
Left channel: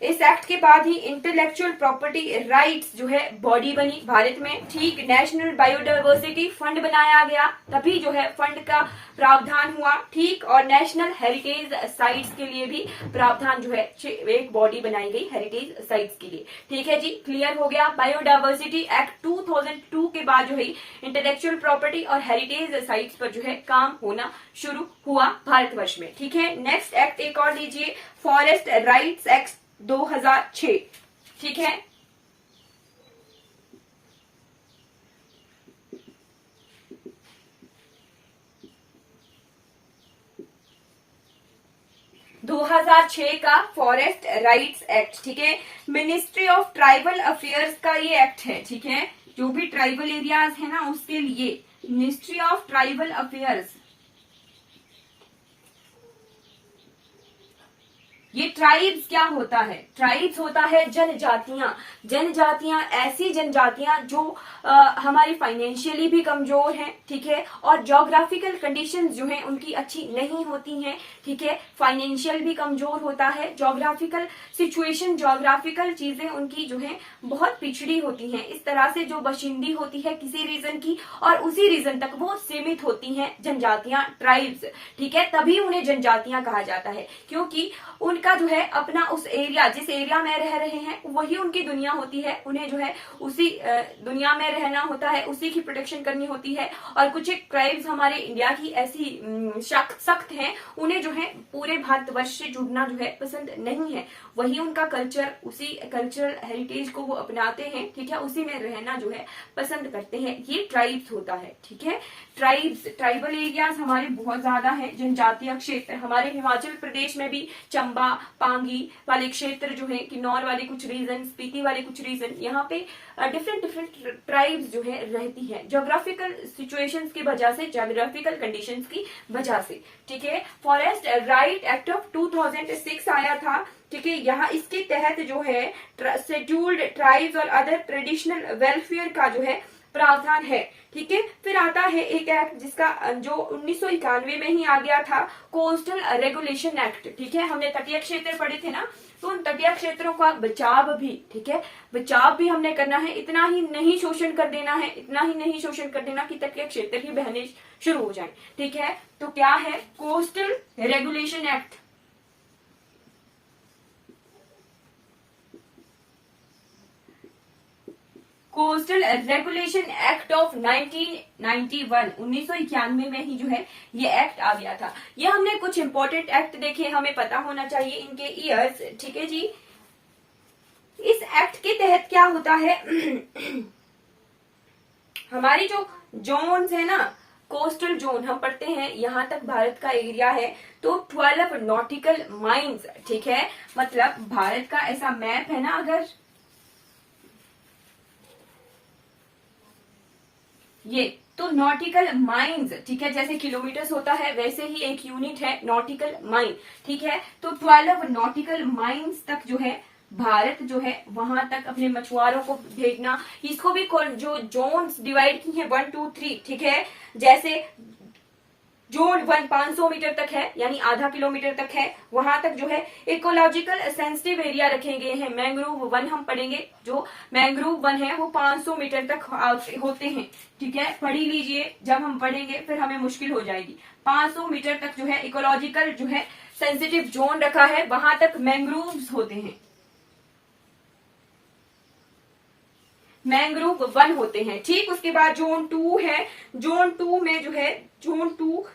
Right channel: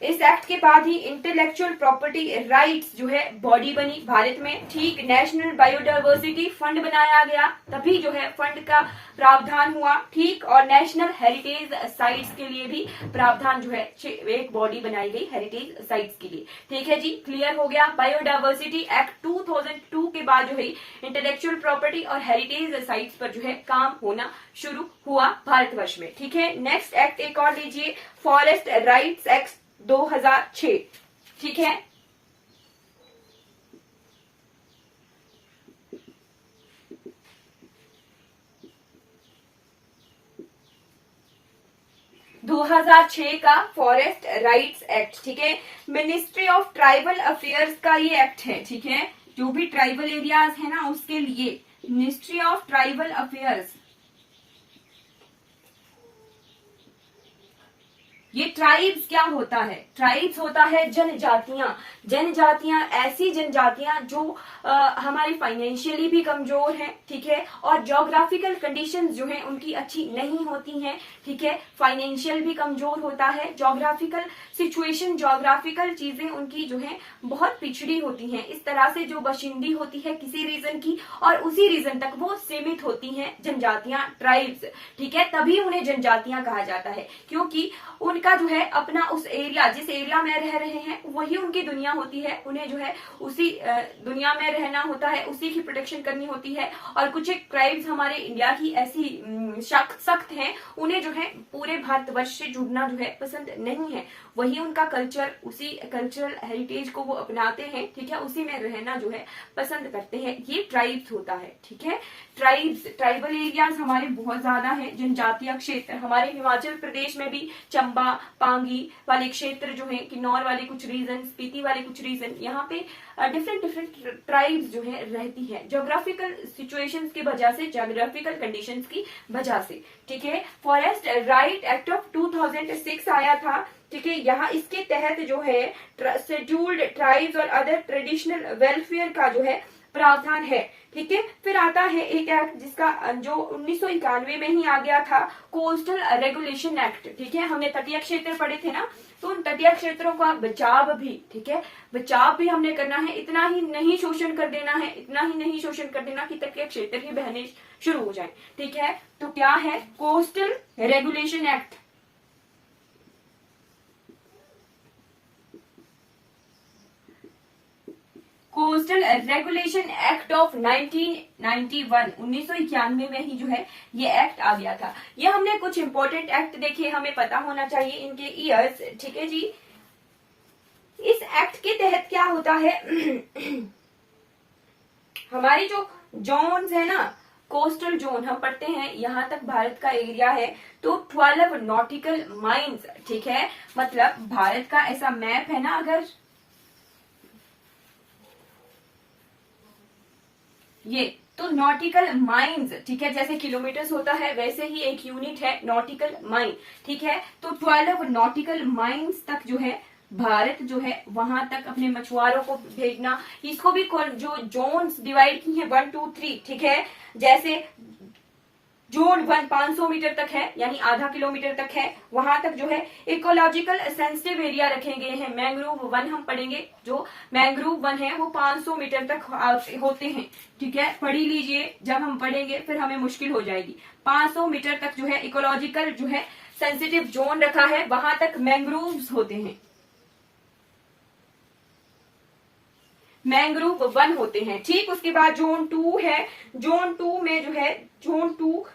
इस एक्ट के बाद ही इंटेलेक्चुअल प्रॉपर्टी राइट्स जो है बॉडी बनी भारत में। ठीक, नेशनल बायोडाइवर्सिटी फंड बनाया गया, तभी जो है फंड का प्रावधान हुआ। ठीक, और नेशनल हेरिटेज साइट्स के लिए भी प्रावधान जो है, एक बॉडी बनाई गई हेरिटेज साइट्स के लिए। ठीक है जी, क्लियर हो गया। बायोडाइवर्सिटी एक्ट 2002 के बाद जो है इंटेलेक्चुअल प्रॉपर्टी और हेरिटेज साइट्स पर जो है काम होना शुरू हुआ भारतवर्ष में। ठीक है, नेक्स्ट एक्ट एक और लीजिए, फॉरेस्ट राइट्स एक्ट 2006। ठीक है, दो 2006 का फॉरेस्ट राइट्स एक्ट। ठीक है, मिनिस्ट्री ऑफ ट्राइबल अफेयर्स का ये एक्ट है। ठीक है, जो भी ट्राइबल एरियाज है ना, उसके लिए मिनिस्ट्री ऑफ ट्राइबल अफेयर्स। ये ट्राइब्स क्या होता है? ट्राइब्स होता है जनजातियां। जनजातियां ऐसी जनजातियां जो हमारी फाइनेंशियली भी कमजोर हैं। ठीक है, और ज्योग्राफिकल कंडीशंस जो हैं उनकी अच्छी नहीं होती हैं। ठीक है, फाइनेंशियल भी कमजोर होता है, ज्योग्राफिकल सिचुएशन, ज्योग्राफिकल चीजें उनकी जो है बहुत पिछड़ी होती हैं। इस तरह से जो बशिंदी होती है किसी रीजन की, और उसी रीजन तक वो सीमित होती हैं जनजातियां, ट्राइब्स। ठीक है, तभी उन्हें जनजातियां कहा जाता है, क्योंकि उनका जो है अपना उस एरिया, जिस एरिया में रह रहे हैं वही उनकी दुनिया होती है। उन्हें जो है उसी दुनिया में रहना होता है, उसी की प्रोटेक्शन करनी होती है। और कुछ एक ट्राइब्स हमारे इंडिया की ऐसी सख्त हैं, उन्हें जो है पूरे भारतवर्ष से जुड़ना जो है पसंद नहीं है। वही उनका कल्चर, उसी कल्चरल हेरिटेज को वो अपनाते हैं। ठीक है, उसी में रहना जो है पसंद करते हैं। ये ट्राइब्स होता है। ठीक है, ट्राइब्स, ट्राइबल एरियाज हमारे बहुत ज्यादा है। जनजातीय क्षेत्र हमारे हिमाचल प्रदेश में भी चंबा, चंबा पांगी वाले क्षेत्र जो है, किन्नौर वाले कुछ रीजन, स्पीति वाले कुछ रीजन, यहाँ पे डिफरेंट डिफरेंट ट्राइब्स जो है रहती है, जोग्राफिकल सिचुएशंस की वजह से, जोग्राफिकल कंडीशंस की वजह से। ठीक है, फॉरेस्ट राइट एक्ट ऑफ 2006 आया था। ठीक है, यहाँ इसके तहत जो है शेड्यूल्ड ट्राइब्स और अदर ट्रेडिशनल वेलफेयर का जो है प्रावधान है। ठीक है, फिर आता है एक एक्ट जिसका जो 1991 में ही आ गया था, कोस्टल रेगुलेशन एक्ट। ठीक है, हमने तटीय क्षेत्र पढ़े थे ना, तो उन तटीय क्षेत्रों का बचाव भी, ठीक है, बचाव भी हमने करना है। इतना ही नहीं शोषण कर देना है, इतना ही नहीं शोषण कर देना कि तटीय क्षेत्र ही बहने शुरू हो जाए। ठीक है, तो क्या है coastal regulation act. Coastal regulation act of 1991, 1991 में ही जो है ये एक्ट आ गया था। ये हमने कुछ इंपॉर्टेंट एक्ट देखे, हमें पता होना चाहिए इनके ईयर्स। ठीक है जी, इस एक्ट के तहत क्या होता है हमारी जो जोन्स है ना, कोस्टल जोन हम पढ़ते हैं, यहां तक भारत का एरिया है, तो 12 नॉटिकल माइल्स। ठीक है, मतलब भारत का ऐसा मैप है ना, अगर ये तो नॉटिकल माइल्स, ठीक है, जैसे किलोमीटर्स होता है वैसे ही एक यूनिट है नॉटिकल माइल। ठीक है, तो 12 नॉटिकल माइल्स तक जो है भारत जो है वहां तक अपने मछुआरों को भेजना। इसको भी जो जोन्स डिवाइड की हैं 1, 2, 3, ठीक है, जैसे जोन 1 500 मीटर तक है, यानी आधा किलोमीटर तक है, वहां तक जो है इकोलॉजिकल सेंसिटिव एरिया रखे गए हैं। मैंग्रोव वन हम पढ़ेंगे, जो मैंग्रोव वन है वो 500 मीटर तक होते हैं। ठीक है, पढ़ी लीजिए, जब हम पढ़ेंगे फिर हमें मुश्किल हो जाएगी। 500 मीटर तक जो है इकोलॉजिकल जो है सेंसिटिव जोन रखा है, वहां तक मैंग्रोव्स होते हैं, मैंग्रोव वन होते हैं। ठीक, उसके बाद जोन 2 है, जोन 2 में जो है जोन 2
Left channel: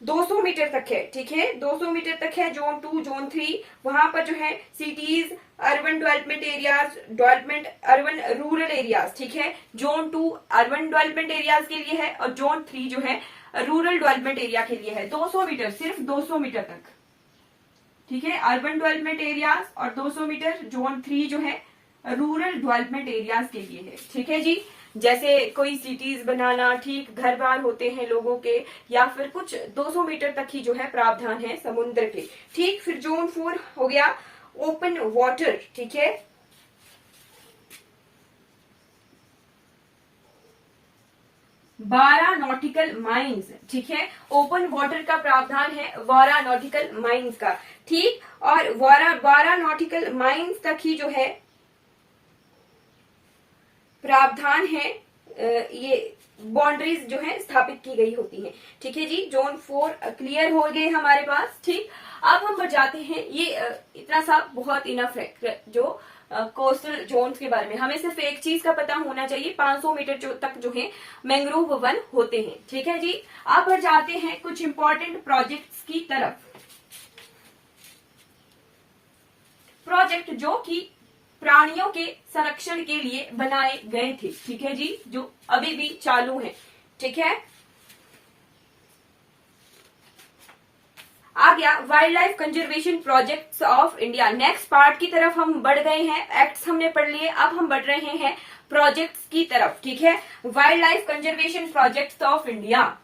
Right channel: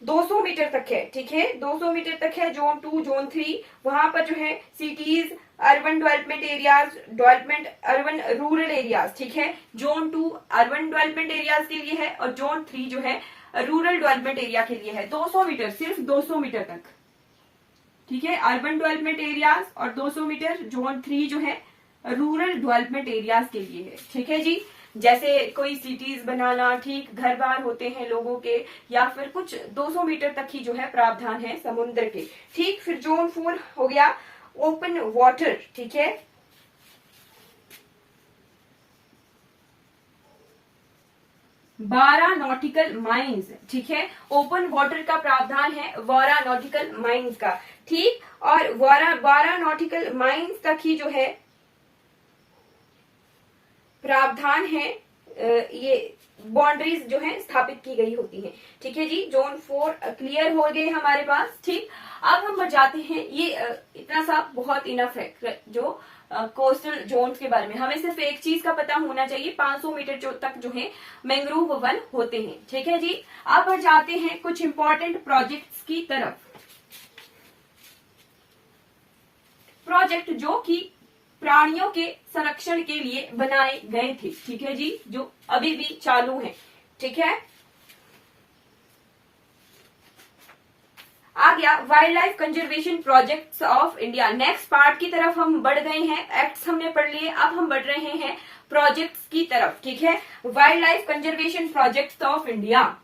200 मीटर तक है। ठीक है, 200 मीटर तक है जोन 2। जोन 3 वहां पर जो है cities, urban development areas, development urban rural areas. ठीक है, जोन 2 अर्बन डेवलपमेंट एरियाज के लिए है और जोन 3 जो है रूरल डेवलपमेंट एरिया के लिए है। 200 मीटर, सिर्फ 200 मीटर तक। ठीक है, अर्बन डेवलपमेंट एरियाज और 200 मीटर जोन 3 जो है रूरल डेवलपमेंट एरियाज के लिए है। ठीक है जी, जैसे कोई सिटीज बनाना, ठीक, घर बार होते हैं लोगों के, या फिर कुछ 200 मीटर तक ही जो है प्रावधान है समुद्र के। ठीक, फिर जोन 4 हो गया ओपन वाटर। ठीक है, बारह नॉटिकल माइल्स। ठीक है, ओपन वाटर का प्रावधान है 12 नॉटिकल माइल्स का। ठीक, और 12 नॉटिकल माइल्स तक ही जो है प्रावधान है, ये बाउंड्रीज जो है स्थापित की गई होती है। ठीक है जी, जोन 4 क्लियर हो गए हमारे पास। ठीक, अब हम बढ़ जाते हैं, ये इतना सा बहुत इनफ है जो कोस्टल जोन्स के बारे में। हमें सिर्फ एक चीज का पता होना चाहिए, 500 मीटर तक जो है मैंग्रोव वन होते हैं। ठीक है जी, अब बढ़ जाते हैं कुछ इंपॉर्टेंट प्रोजेक्ट्स की तरफ। प्रोजेक्ट जो कि प्राणियों के संरक्षण के लिए बनाए गए थे। ठीक है जी, जो अभी भी चालू है। ठीक है, आ गया wild life conservation projects of India. Next part की तरफ हम बढ़ गए हैं, एक्ट्स हमने पढ़ लिए, अब हम बढ़ रहे हैं प्रोजेक्ट्स की तरफ। ठीक है, wild life conservation projects of India.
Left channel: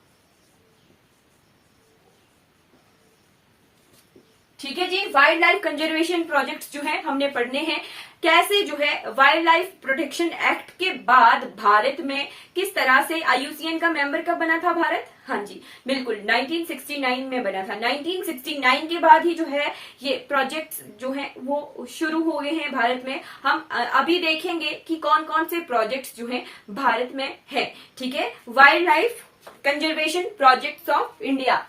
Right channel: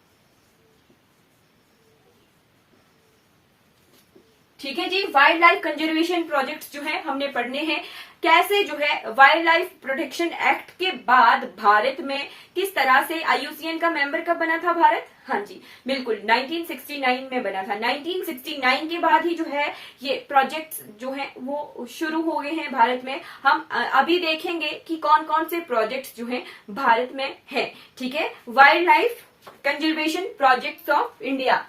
ठीक है जी, वाइल्ड लाइफ कंजर्वेशन प्रोजेक्ट्स जो है हमने पढ़ने हैं। कैसे जो है वाइल्ड लाइफ प्रोटेक्शन एक्ट के बाद भारत में किस तरह से IUCN का मेंबर कब बना था भारत? हाँ जी, बिल्कुल 1969 में बना था। 1969 के बाद ही जो है ये प्रोजेक्ट्स जो है वो शुरू हो गए हैं भारत में। हम अभी देखेंगे कि कौन कौन से प्रोजेक्ट्स जो है भारत में है। ठीक है, wild life conservation projects of India.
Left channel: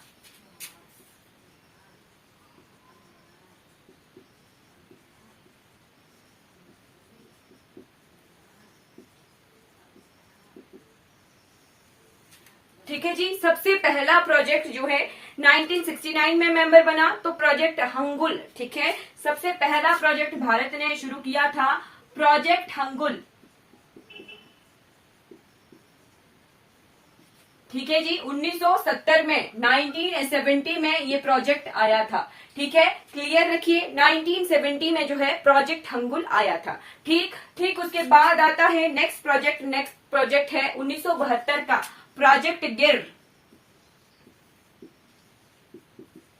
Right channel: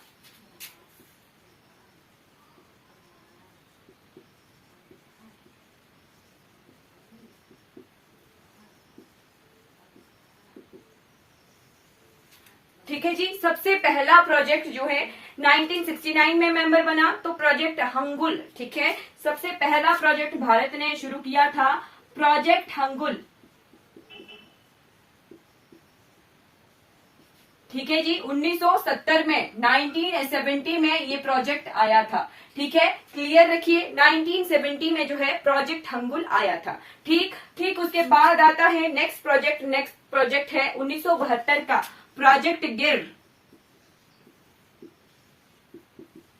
ठीक है जी, सबसे पहला प्रोजेक्ट जो है 1969 में मेंबर बना तो प्रोजेक्ट हंगुल। ठीक है, सबसे पहला प्रोजेक्ट भारत ने शुरू किया था प्रोजेक्ट हंगुल। ठीक है जी। 1970 में 1970 में ये प्रोजेक्ट आया था। ठीक है, क्लियर रखिए। 1970 में जो है प्रोजेक्ट हंगुल आया था। ठीक ठीक, उसके बाद आता है नेक्स्ट प्रोजेक्ट है 1972 का प्रोजेक्ट गिर।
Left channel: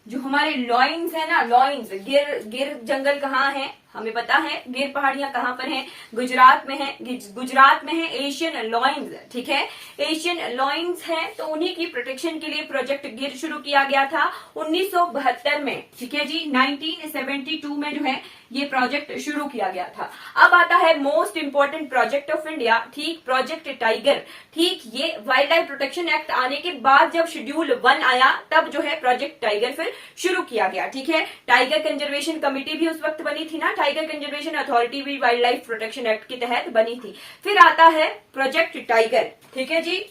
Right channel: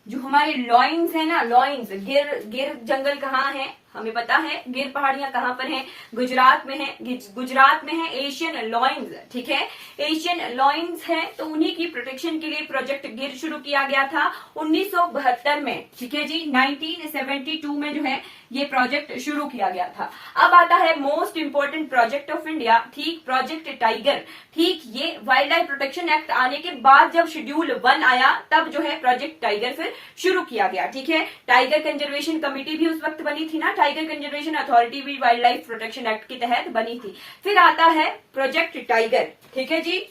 जो हमारे लॉइंस है ना, लॉइंस, गिर जंगल कहाँ है हमें पता है। गिर पहाड़ियां कहाँ पर हैं? गुजरात में है। गुजरात में है एशियन लॉइंस। ठीक है, एशियन लॉइंस है, तो उन्हीं की प्रोटेक्शन के लिए प्रोजेक्ट गिर शुरू किया गया था 1972 में। ठीक है जी, 1972 में जो है ये प्रोजेक्ट शुरू किया गया था। अब आता है most important project of India, ठीक, प्रोजेक्ट टाइगर। ठीक, ये वाइल्ड लाइफ प्रोटेक्शन एक्ट आने के बाद जब शेड्यूल 1 आया तब जो है प्रोजेक्ट टाइगर फिर शुरू किया गया। ठीक है, टाइगर कंजर्वेशन कमेटी भी उस वक्त बनी थी ना, टाइगर कंजर्वेशन अथॉरिटी भी वाइल्ड लाइफ प्रोटेक्शन एक्ट के तहत बनी थी। फिर आता है प्रोजेक्ट टाइगर। ठीक है जी,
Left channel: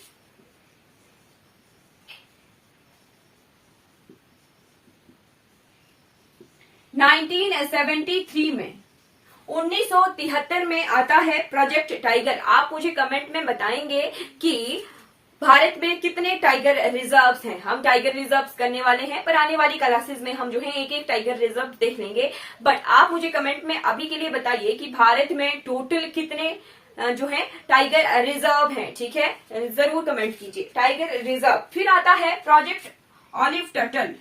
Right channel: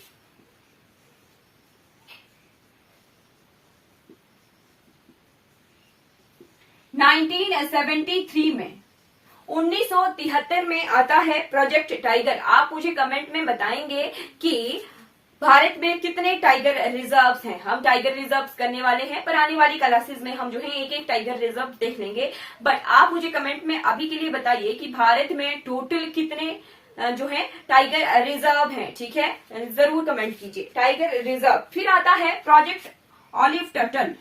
नाइनटीन 1973 में 1973 में आता है प्रोजेक्ट टाइगर। आप मुझे कमेंट में बताएंगे कि भारत में कितने टाइगर रिजर्व्स हैं। हम टाइगर रिजर्व्स करने वाले हैं, पर आने वाली क्लासेस में हम जो है एक एक टाइगर रिजर्व देख लेंगे। बट आप मुझे कमेंट में अभी के लिए बताइए कि भारत में टोटल कितने जो है टाइगर रिजर्व हैं। ठीक है, जरूर कमेंट कीजिए टाइगर रिजर्व। फिर आता है प्रोजेक्ट ऑलिव टर्टल।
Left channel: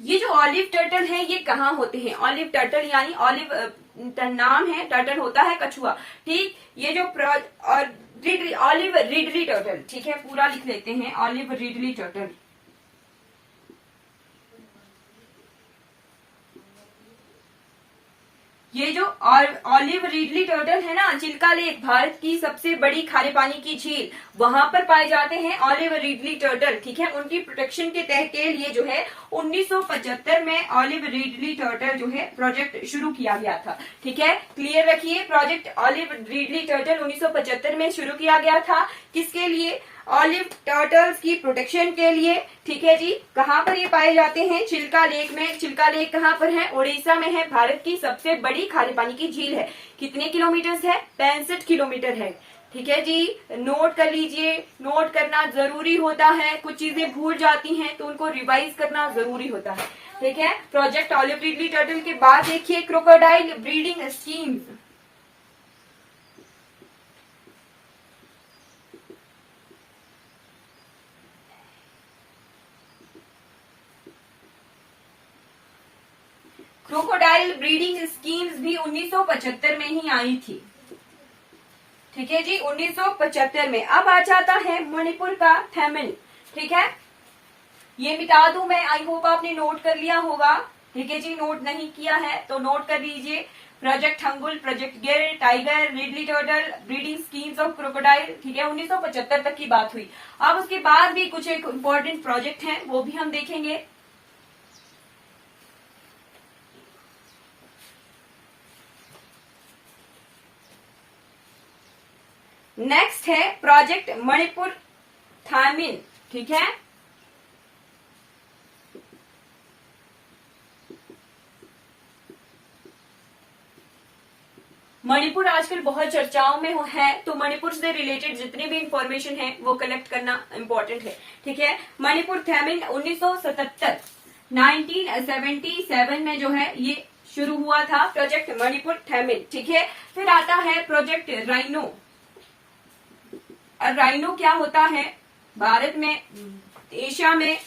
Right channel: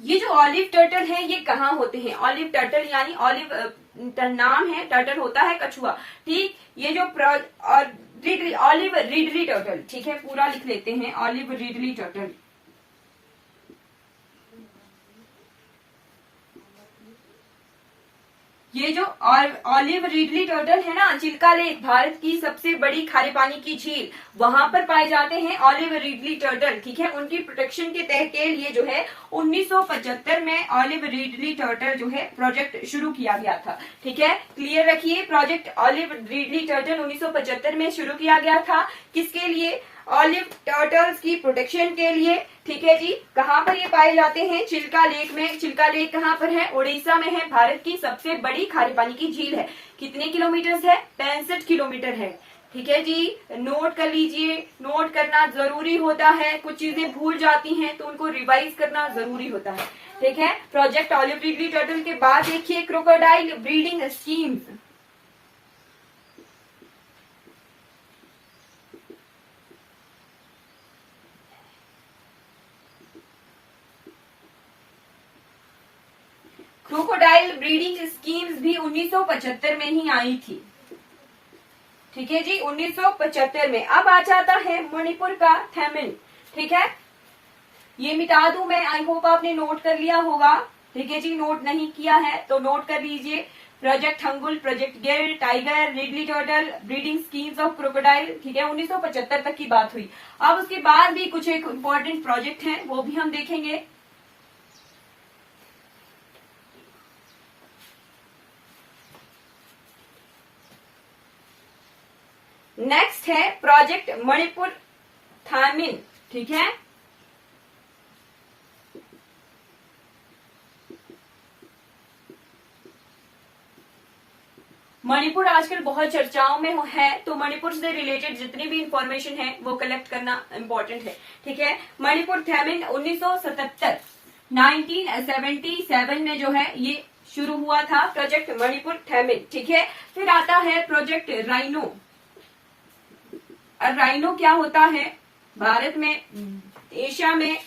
ये जो ऑलिव टर्टल है ये कहाँ होते हैं? ऑलिव टर्टल यानी ऑलिव नाम है, टर्टल होता है कछुआ। ठीक, ये जो ऑलिव रिडली टर्टल, ठीक है, पूरा लिख लेते हैं, ऑलिव रिडली टर्टल। ये जो ऑलिव रिडली टर्टल है ना, चिल्का लेक, भारत की सबसे बड़ी खारे पानी की झील, वहां पर पाए जाते हैं ऑलिव रिडली टर्टल। ठीक है, उनकी प्रोटेक्शन के तहत के लिए जो है 1975 में ऑलिव रिडली टर्टल जो है प्रोजेक्ट शुरू किया गया था। ठीक है, क्लियर रखिए, प्रोजेक्ट ऑलिव रिडली टर्टल 1975 में शुरू किया गया था। किसके लिए? ऑलिव टर्टल्स की प्रोटेक्शन के लिए। ठीक है जी, कहाँ पर ये पाए जाते हैं? चिल्का लेक में। चिल्का लेक कहाँ पर है? उड़ीसा में है। भारत की सबसे बड़ी खारे पानी की झील है। कितने किलोमीटर है? 65 किलोमीटर है। ठीक है जी, नोट कर लीजिए, नोट करना जरूरी होता है। कुछ चीजें भूल जाती हैं तो उनको रिवाइज करना जरूरी होता है। ठीक है, प्रोजेक्ट ऑलिव रिडली टर्टल के बाद देखिए crocodile breeding scheme. Crocodile breeding schemes भी 1975 में ही आई थी। ठीक है जी, 1975 में। अब आ जाता है मणिपुर का थेमिन। ठीक है, ये मिटा दूं मैं, आई होप आपने नोट कर लिया होगा। ठीक है जी, नोट नहीं किया है तो नोट कर लीजिए। Project Hangul, project Gir, tiger, Ridley turtle, breeding schemes of crocodile. ठीक है, 1975 तक की बात हुई। अब उसके बाद भी कुछ एक इंपॉर्टेंट प्रोजेक्ट है, वो भी हम देखेंगे। नेक्स्ट है प्रोजेक्ट मणिपुर थामिन। ठीक है, मणिपुर आजकल बहुत चर्चाओं में है, तो मणिपुर से रिलेटेड जितनी भी इंफॉर्मेशन है वो कलेक्ट करना इंपॉर्टेंट है। ठीक है, मणिपुर थेमिन 1977 में जो है ये शुरू हुआ था प्रोजेक्ट मणिपुर थेमिन। ठीक है, फिर आता है प्रोजेक्ट राइनो। और राइनो क्या होता है? भारत में, एशिया में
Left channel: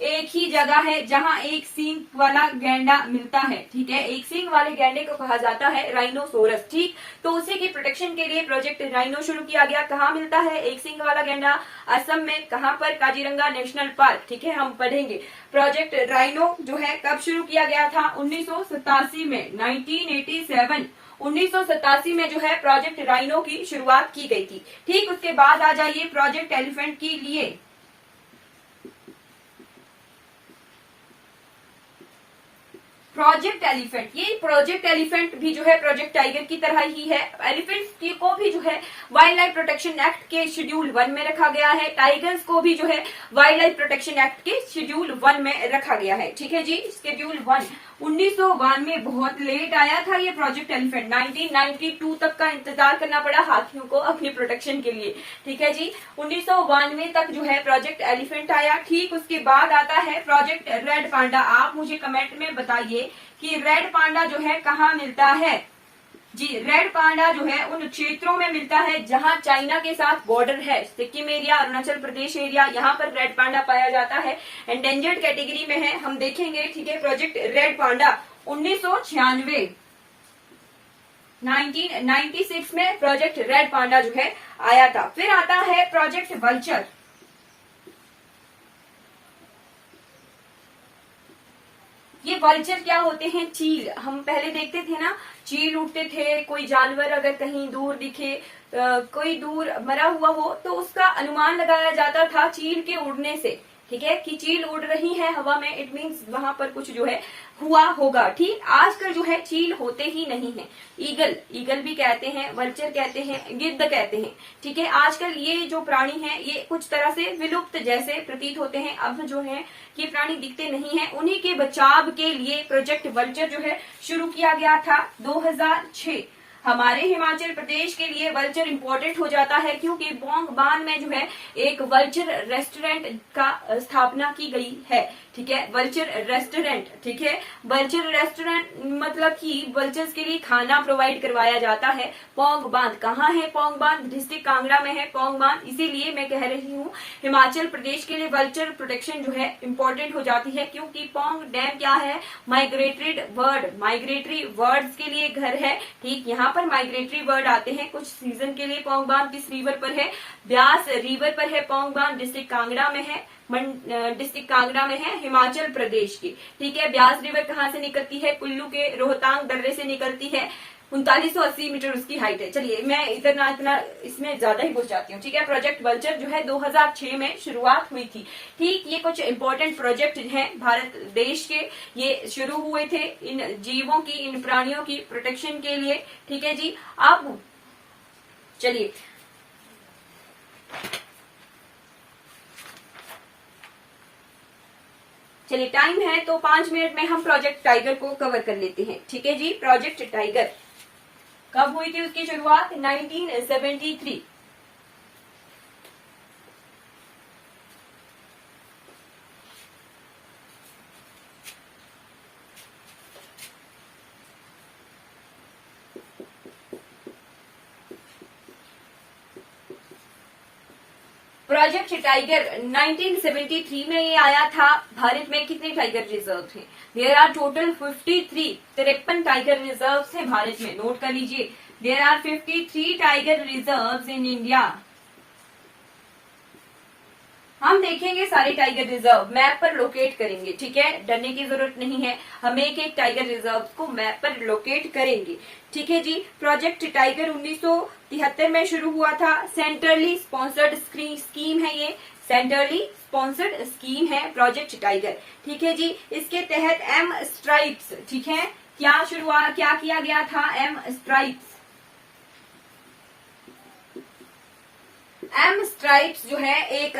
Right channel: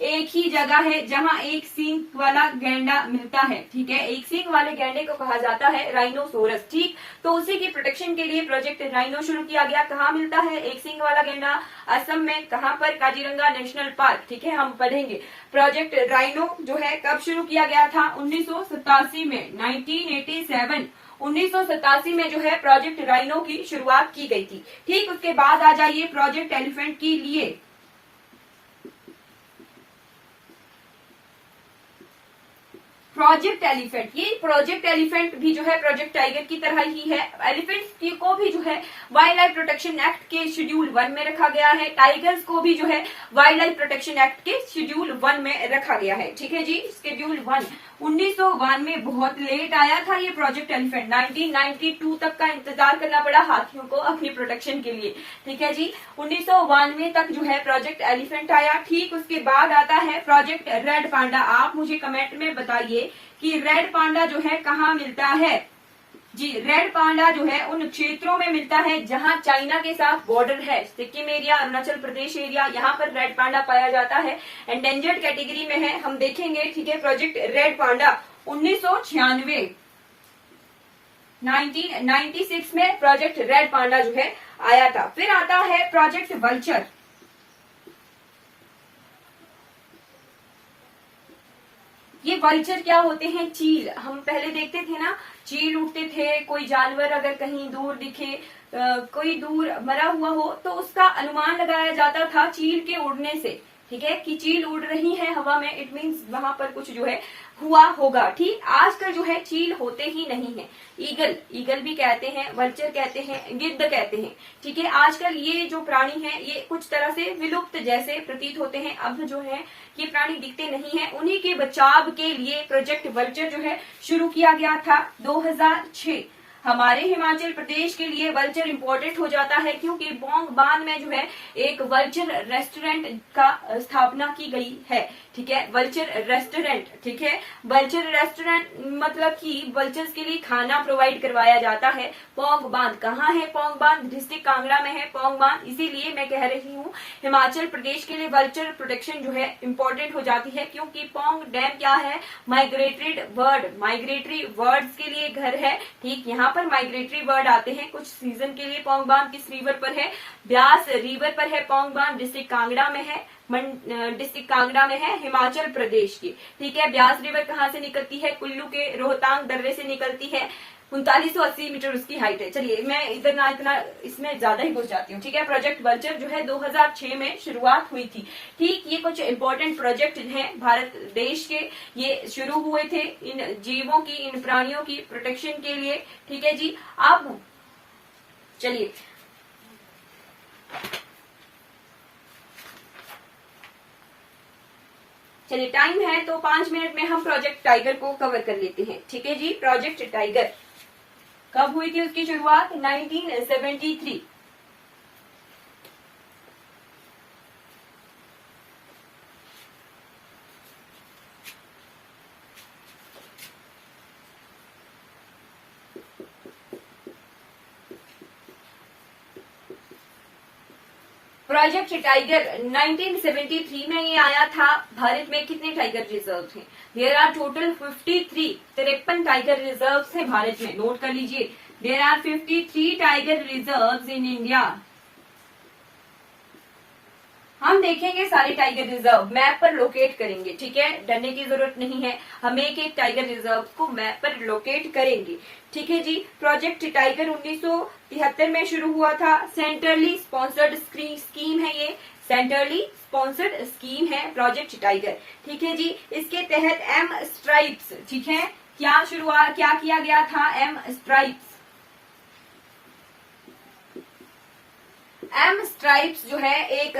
एक ही जगह है जहां एक सींग वाला गैंडा मिलता है। ठीक है, एक सींग वाले गैंडे को कहा जाता है राइनोसोरस। ठीक, तो उसी की प्रोटेक्शन के लिए प्रोजेक्ट राइनो शुरू किया गया। कहाँ मिलता है एक सींग वाला गैंडा? असम में। कहाँ पर? Kaziranga national park. ठीक है, हम पढ़ेंगे। प्रोजेक्ट राइनो जो है कब शुरू किया गया था? 1987 में, 1987 में जो है प्रोजेक्ट राइनो की शुरुआत की गई थी। ठीक, उसके बाद आ जाइए प्रोजेक्ट एलिफेंट के लिए। प्रोजेक्ट एलिफेंट, ये प्रोजेक्ट एलिफेंट भी जो है प्रोजेक्ट टाइगर की तरह ही है। एलिफेंट्स को भी जो है वाइल्ड लाइफ प्रोटेक्शन एक्ट के शेड्यूल 1 में रखा गया है, टाइगर्स को भी जो है वाइल्ड लाइफ प्रोटेक्शन एक्ट के शेड्यूल 1 में रखा गया है। ठीक है जी, शेड्यूल 1 1992 में बहुत लेट आया था ये प्रोजेक्ट एलिफेंट, 1992 तक का इंतजार करना पड़ा हाथियों को अपनी प्रोटेक्शन के लिए। ठीक है जी, 1992 तक जो है प्रोजेक्ट एलिफेंट आया। ठीक उसके बाद आता है प्रोजेक्ट रेड पांडा। आप मुझे कमेंट में बताइए कि रेड पांडा जो है कहाँ मिलता है। जी, रेड पांडा जो है उन क्षेत्रों में मिलता है जहां चाइना के साथ बॉर्डर है, सिक्किम एरिया, अरुणाचल प्रदेश एरिया, यहाँ पर रेड पांडा पाया जाता है। एंडेंजर्ड कैटेगरी में है, हम देखेंगे। ठीक है, प्रोजेक्ट रेड पांडा 1996 1996 में प्रोजेक्ट रेड पांडा जो है आया था। फिर आता है प्रोजेक्ट वल्चर। ये वल्चर क्या होते हैं? चील। हम पहले देखते थे ना, चील उड़ते थे, कोई जानवर अगर कहीं दूर दिखे, कोई दूर मरा हुआ हो तो उसका अनुमान लगाया जाता था चील के उड़ने से। ठीक है, कि चील उड़ रही है हवा में, इट मीन्स वहां पर कुछ जो है हुआ होगा। ठीक, आजकल जो है चील होते ही नहीं है। ईगल, ईगल भी कहते हैं, वल्चर कहते हैं, गिद्ध कहते हैं। ठीक है, आजकल ये जो प्राणी हैं ये कुछ तरह से विलुप्त जैसे प्रतीत होते हैं। अब जो है ये प्राणी दिखते नहीं है, उन्हीं के बचाव के लिए प्रोजेक्ट वल्चर जो है शुरू किया गया था 2006। हमारे हिमाचल प्रदेश के लिए वल्चर इम्पोर्टेंट हो जाता है क्योंकि बोंग बान में जो है एक वल्चर रेस्टोरेंट का स्थापना की गई है। ठीक है, वल्चर रेस्टोरेंट। ठीक है, वल्चर रेस्टोरेंट मतलब कि वल्चर्स के लिए खाना प्रोवाइड करवाया जाता है। पोंग बांध कहाँ है? पोंग बांध डिस्ट्रिक्ट कांगड़ा में है पोंग बांध। इसीलिए मैं कह रही हूँ हिमाचल प्रदेश के लिए वल्चर प्रोटेक्शन जो है इम्पोर्टेंट हो जाती है, क्योंकि पोंग डैम क्या है? माइग्रेटरी बर्ड, माइग्रेटरी बर्ड्स के लिए घर है। ठीक, यहाँ पर माइग्रेटरी बर्ड आते हैं कुछ सीजन के लिए। पोंग बांध किस रिवर पर है? ब्यास रिवर पर है। पोंग बांध डिस्ट्रिक्ट कांगड़ा में है, डिस्ट्रिक्ट कांगड़ा में है, हिमाचल प्रदेश की। ठीक है, ब्यास रिवर कहाँ से निकलती है? कुल्लू के रोहतांग दर्रे से निकलती है। 3980 मीटर उसकी हाइट है। चलिए, मैं इतना इसमें ज्यादा ही घुस जाती हूँ। ठीक है, प्रोजेक्ट वल्चर जो है 2006 में शुरुआत हुई थी। ठीक, ये कुछ इंपॉर्टेंट प्रोजेक्ट हैं भारत देश के, ये शुरू हुए थे इन जीवों की, इन प्राणियों की प्रोटेक्शन के लिए। ठीक है जी, अब चलिए टाइम है तो 5 मिनट में हम प्रोजेक्ट टाइगर को कवर कर लेते हैं। ठीक है जी, प्रोजेक्ट टाइगर कब हुई थी उसकी शुरुआत? 1973। प्रोजेक्ट टाइगर 1973 में ये आया था। भारत में कितने टाइगर रिजर्व हैं? There are total 53, 53 tiger reserve हैं भारत में। नोट कर लीजिए, there are 53 tiger reserve in India. हम देखेंगे सारे टाइगर रिजर्व, मैप पर लोकेट करेंगे। ठीक है, डरने की जरूरत नहीं है, हम एक एक टाइगर रिजर्व को मैप पर लोकेट करेंगे। ठीक है जी, प्रोजेक्ट टाइगर 1973 में शुरू हुआ था। सेंट्रली स्पॉन्सर्ड स्कीम है ये, सेंट्रली स्पॉन्सर्ड स्कीम है प्रोजेक्ट टाइगर। ठीक है जी, इसके तहत एम स्ट्राइप्स, ठीक है, क्या किया गया था? M stripes. एम स्ट्राइप्स जो है एक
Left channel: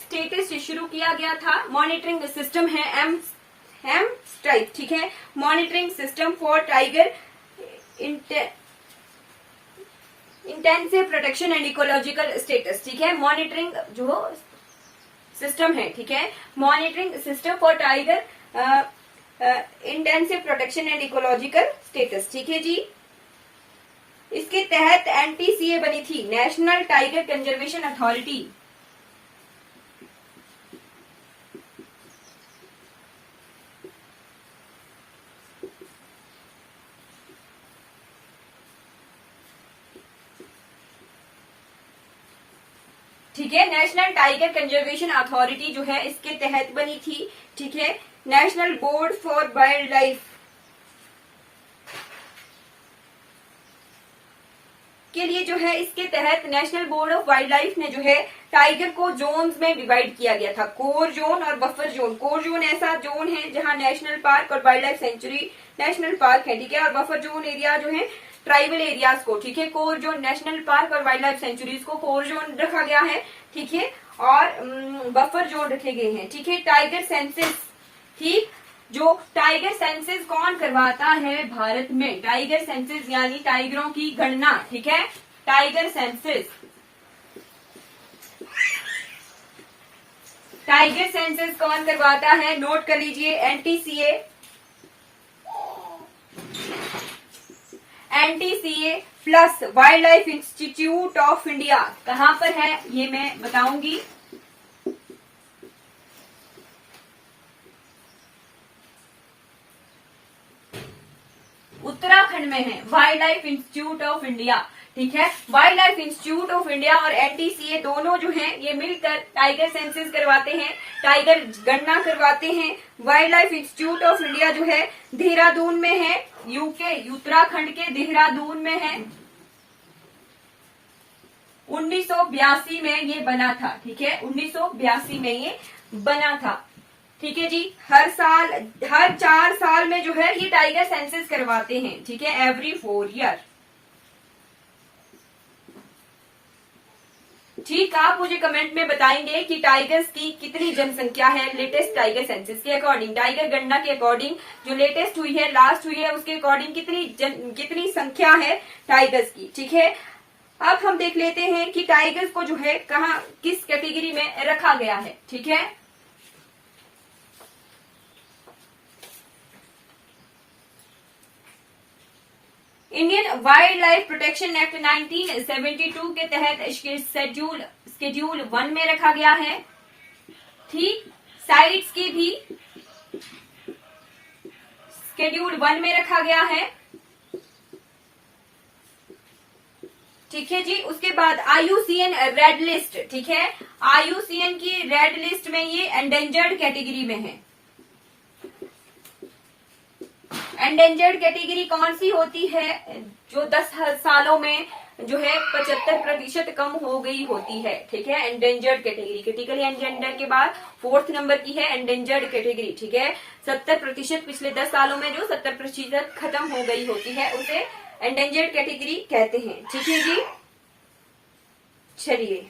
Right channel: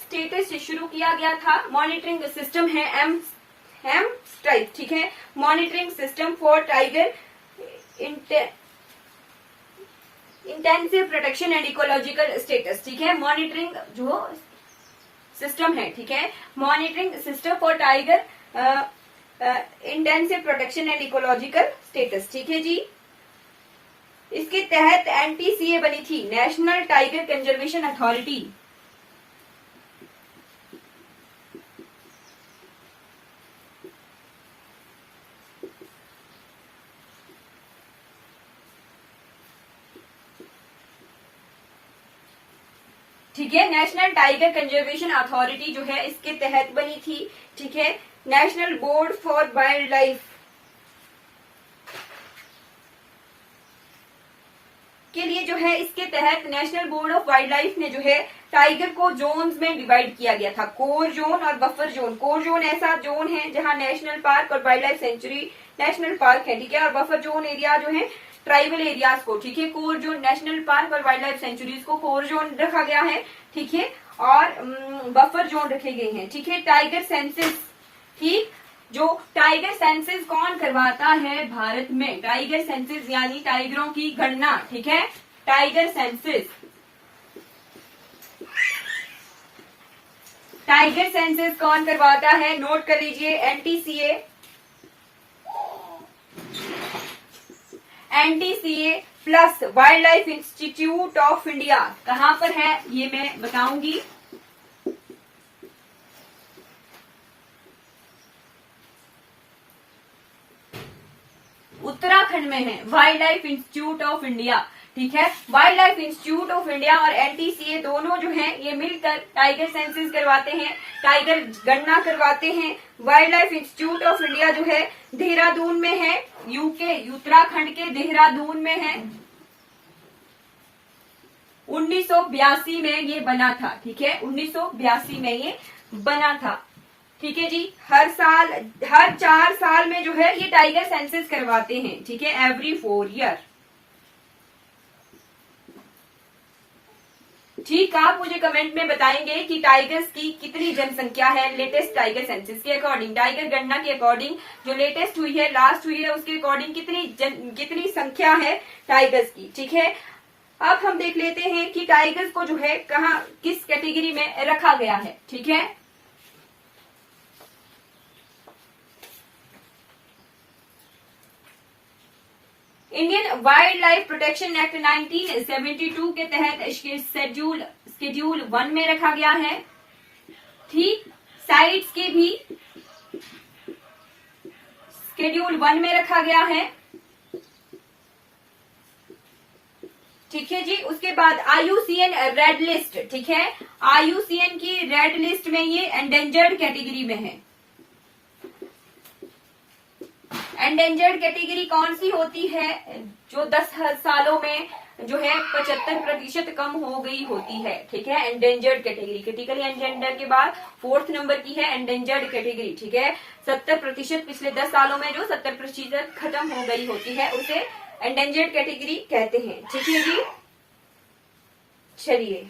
स्टेटस शुरू किया गया था। मॉनिटरिंग सिस्टम है एम स्ट्राइप। ठीक है, monitoring system for tiger intensive protection and ecological status. ठीक है, मॉनिटरिंग जो सिस्टम है, ठीक है, monitoring system for tiger intensive protection and ecological status. ठीक है जी, इसके तहत एनटीसीए बनी थी, नेशनल टाइगर कंजर्वेशन अथॉरिटी। ठीक है, नेशनल टाइगर कंजर्वेशन अथॉरिटी जो है इसके तहत बनी थी। ठीक है, national board for wild life. उसके लिए जो है इसके तहत national board of wild life ने जो है टाइगर को जोन्स में डिवाइड किया गया था, कोर जोन और बफर जोन। कोर जोन ऐसा जोन है जहां नेशनल पार्क और wild life sanctuary national park है, ठीक है। और बफर जोन एरिया जो है ट्राइबल एरियाज को, ठीक है। कोर जोन नेशनल पार्क और वाइल्ड लाइफ सेंचुरीज को कोर जोन रखा गया है, ठीक है। और बफर जोन रखे गए हैं, ठीक है। टाइगर सेंसस, ठीक, जो टाइगर सेंसस कौन करवाता है भारत में? टाइगर सेंसस यानी टाइगरों की गणना, ठीक है। टाइगर सेंसस, टाइगर सेंसस कौन करवाता है? नोट कर लीजिए, NTCA, NTCA plus wild life institute of India. कहां पर है ये मैं बताऊंगी। उत्तराखंड में है wild life institute of India, ठीक है। Wild life institute of India और एनटीसीए दोनों जो हैं ये मिलकर टाइगर सेंसस करवाते हैं, टाइगर गणना करवाते हैं। Wild life institute of India जो है देहरादून में है, यूके, उत्तराखंड के देहरादून में है। 1982 में ये बना था, ठीक है। 1982 में ये बना था, ठीक है जी। हर 4 साल में जो है ये टाइगर सेंसस करवाते हैं, ठीक है, एवरी 4 ईयर। ठीक, आप मुझे कमेंट में बताएंगे कि टाइगर्स की कितनी जनसंख्या है लेटेस्ट टाइगर सेंसस के अकॉर्डिंग, टाइगर गणना के अकॉर्डिंग जो लेटेस्ट हुई है, लास्ट हुई है, उसके अकॉर्डिंग कितनी संख्या है टाइगर्स की, ठीक है। अब हम देख लेते हैं कि टाइगर्स को जो है कहाँ किस कैटेगरी में रखा गया है, ठीक है। Indian wild life protection act 1972 के तहत शेड्यूल 1 में रखा गया है, ठीक। साइट्स के भी शेड्यूल 1 में रखा गया है, ठीक है जी। उसके बाद IUCN रेड लिस्ट, ठीक है। IUCN की रेड लिस्ट में ये एंडेंजर्ड कैटेगरी में है। एंडेंजर्ड कैटेगरी कौन सी होती है? जो 10 सालों में जो है 75% कम हो गई होती है, ठीक है। एंडेंजर्ड कैटेगरी, क्रिटिकली एंडेंजर्ड के बाद 4th नंबर की है एंडेंजर्ड कैटेगरी, ठीक है। 70% पिछले 10 सालों में जो 70% खत्म हो गई होती है उसे एंडेंजर्ड कैटेगरी कहते हैं, ठीक है जी। चलिए,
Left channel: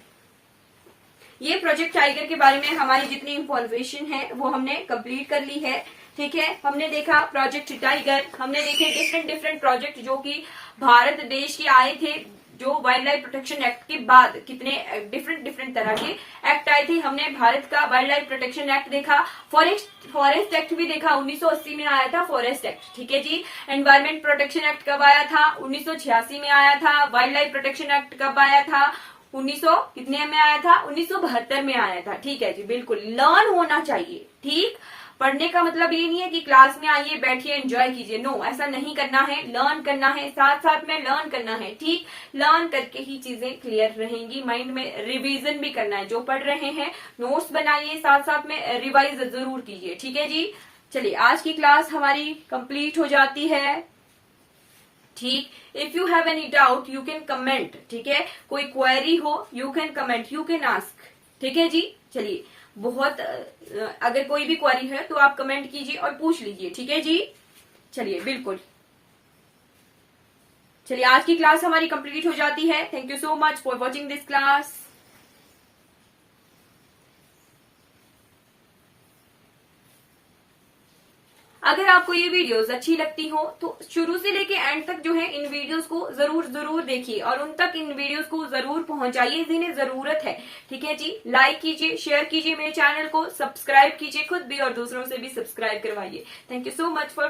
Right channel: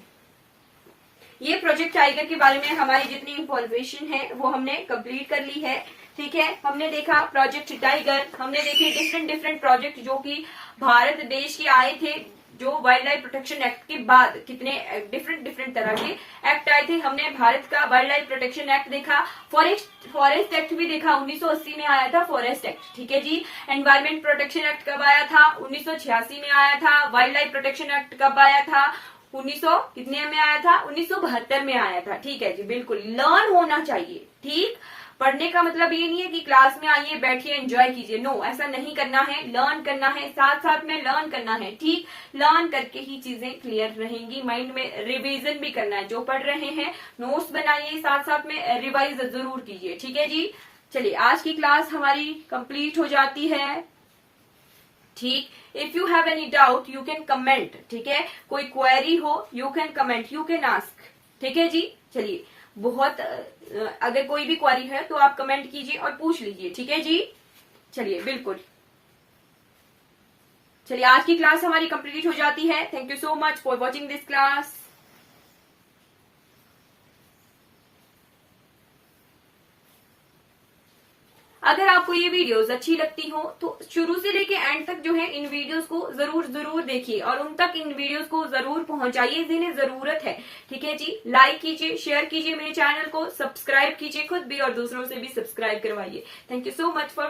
ये प्रोजेक्ट टाइगर के बारे में हमारी जितनी इंफॉर्मेशन है वो हमने कंप्लीट कर ली है, ठीक है। हमने देखा प्रोजेक्ट टाइगर, हमने देखे डिफरेंट प्रोजेक्ट जो कि भारत देश के आए थे, जो वाइल्ड लाइफ प्रोटेक्शन एक्ट के बाद कितने डिफरेंट तरह के एक्ट आए थे। हमने भारत का वाइल्ड लाइफ प्रोटेक्शन एक्ट देखा, फॉरेस्ट एक्ट भी देखा, 1980 में आया था फॉरेस्ट एक्ट, ठीक है जी। एनवायरमेंट प्रोटेक्शन एक्ट कब आया था? 1986 में आया था। वाइल्ड लाइफ प्रोटेक्शन एक्ट कब आया था? 1900 कितने में आया था? 1972 में आया था, ठीक है जी। बिल्कुल लर्न होना चाहिए, ठीक। पढ़ने का मतलब ये नहीं है कि क्लास में आइए बैठिए एंजॉय कीजिए, नो, ऐसा नहीं करना है। लर्न करना है, साथ साथ में लर्न करना है, ठीक। लर्न करके ही चीजें क्लियर रहेंगी, माइंड में रिवीजन भी करना है। जो पढ़ रहे हैं नोट्स बनाइए, साथ साथ में रिवाइज जरूर कीजिए, ठीक है जी। चलिए, आज की क्लास हमारी कंप्लीट हो जाती है, ठीक। If you have any doubt you can comment, ठीक है। कोई क्वेरी हो you can comment, you can ask, ठीक है जी। चलिए, बहुत अगर कोई भी क्वेरी है तो आप कमेंट कीजिए और पूछ लीजिए, ठीक है जी। चलिए, बिल्कुल। चलिए, आज की क्लास हमारी कंप्लीट हो जाती है। Thank you so much for watching this class. अगर आपको ये वीडियोस अच्छी लगती हो तो शुरू से लेके एंड तक जो है इन वीडियोस को जरूर देखिए और उन तक इन वीडियोस को जरूर पहुंचाइए जिन्हें जरूरत है, ठीक है जी। लाइक कीजिए, शेयर कीजिए मेरे चैनल को, सब्सक्राइब कीजिए खुद भी और दूसरों से भी सब्सक्राइब करवाइए। Thank you so much for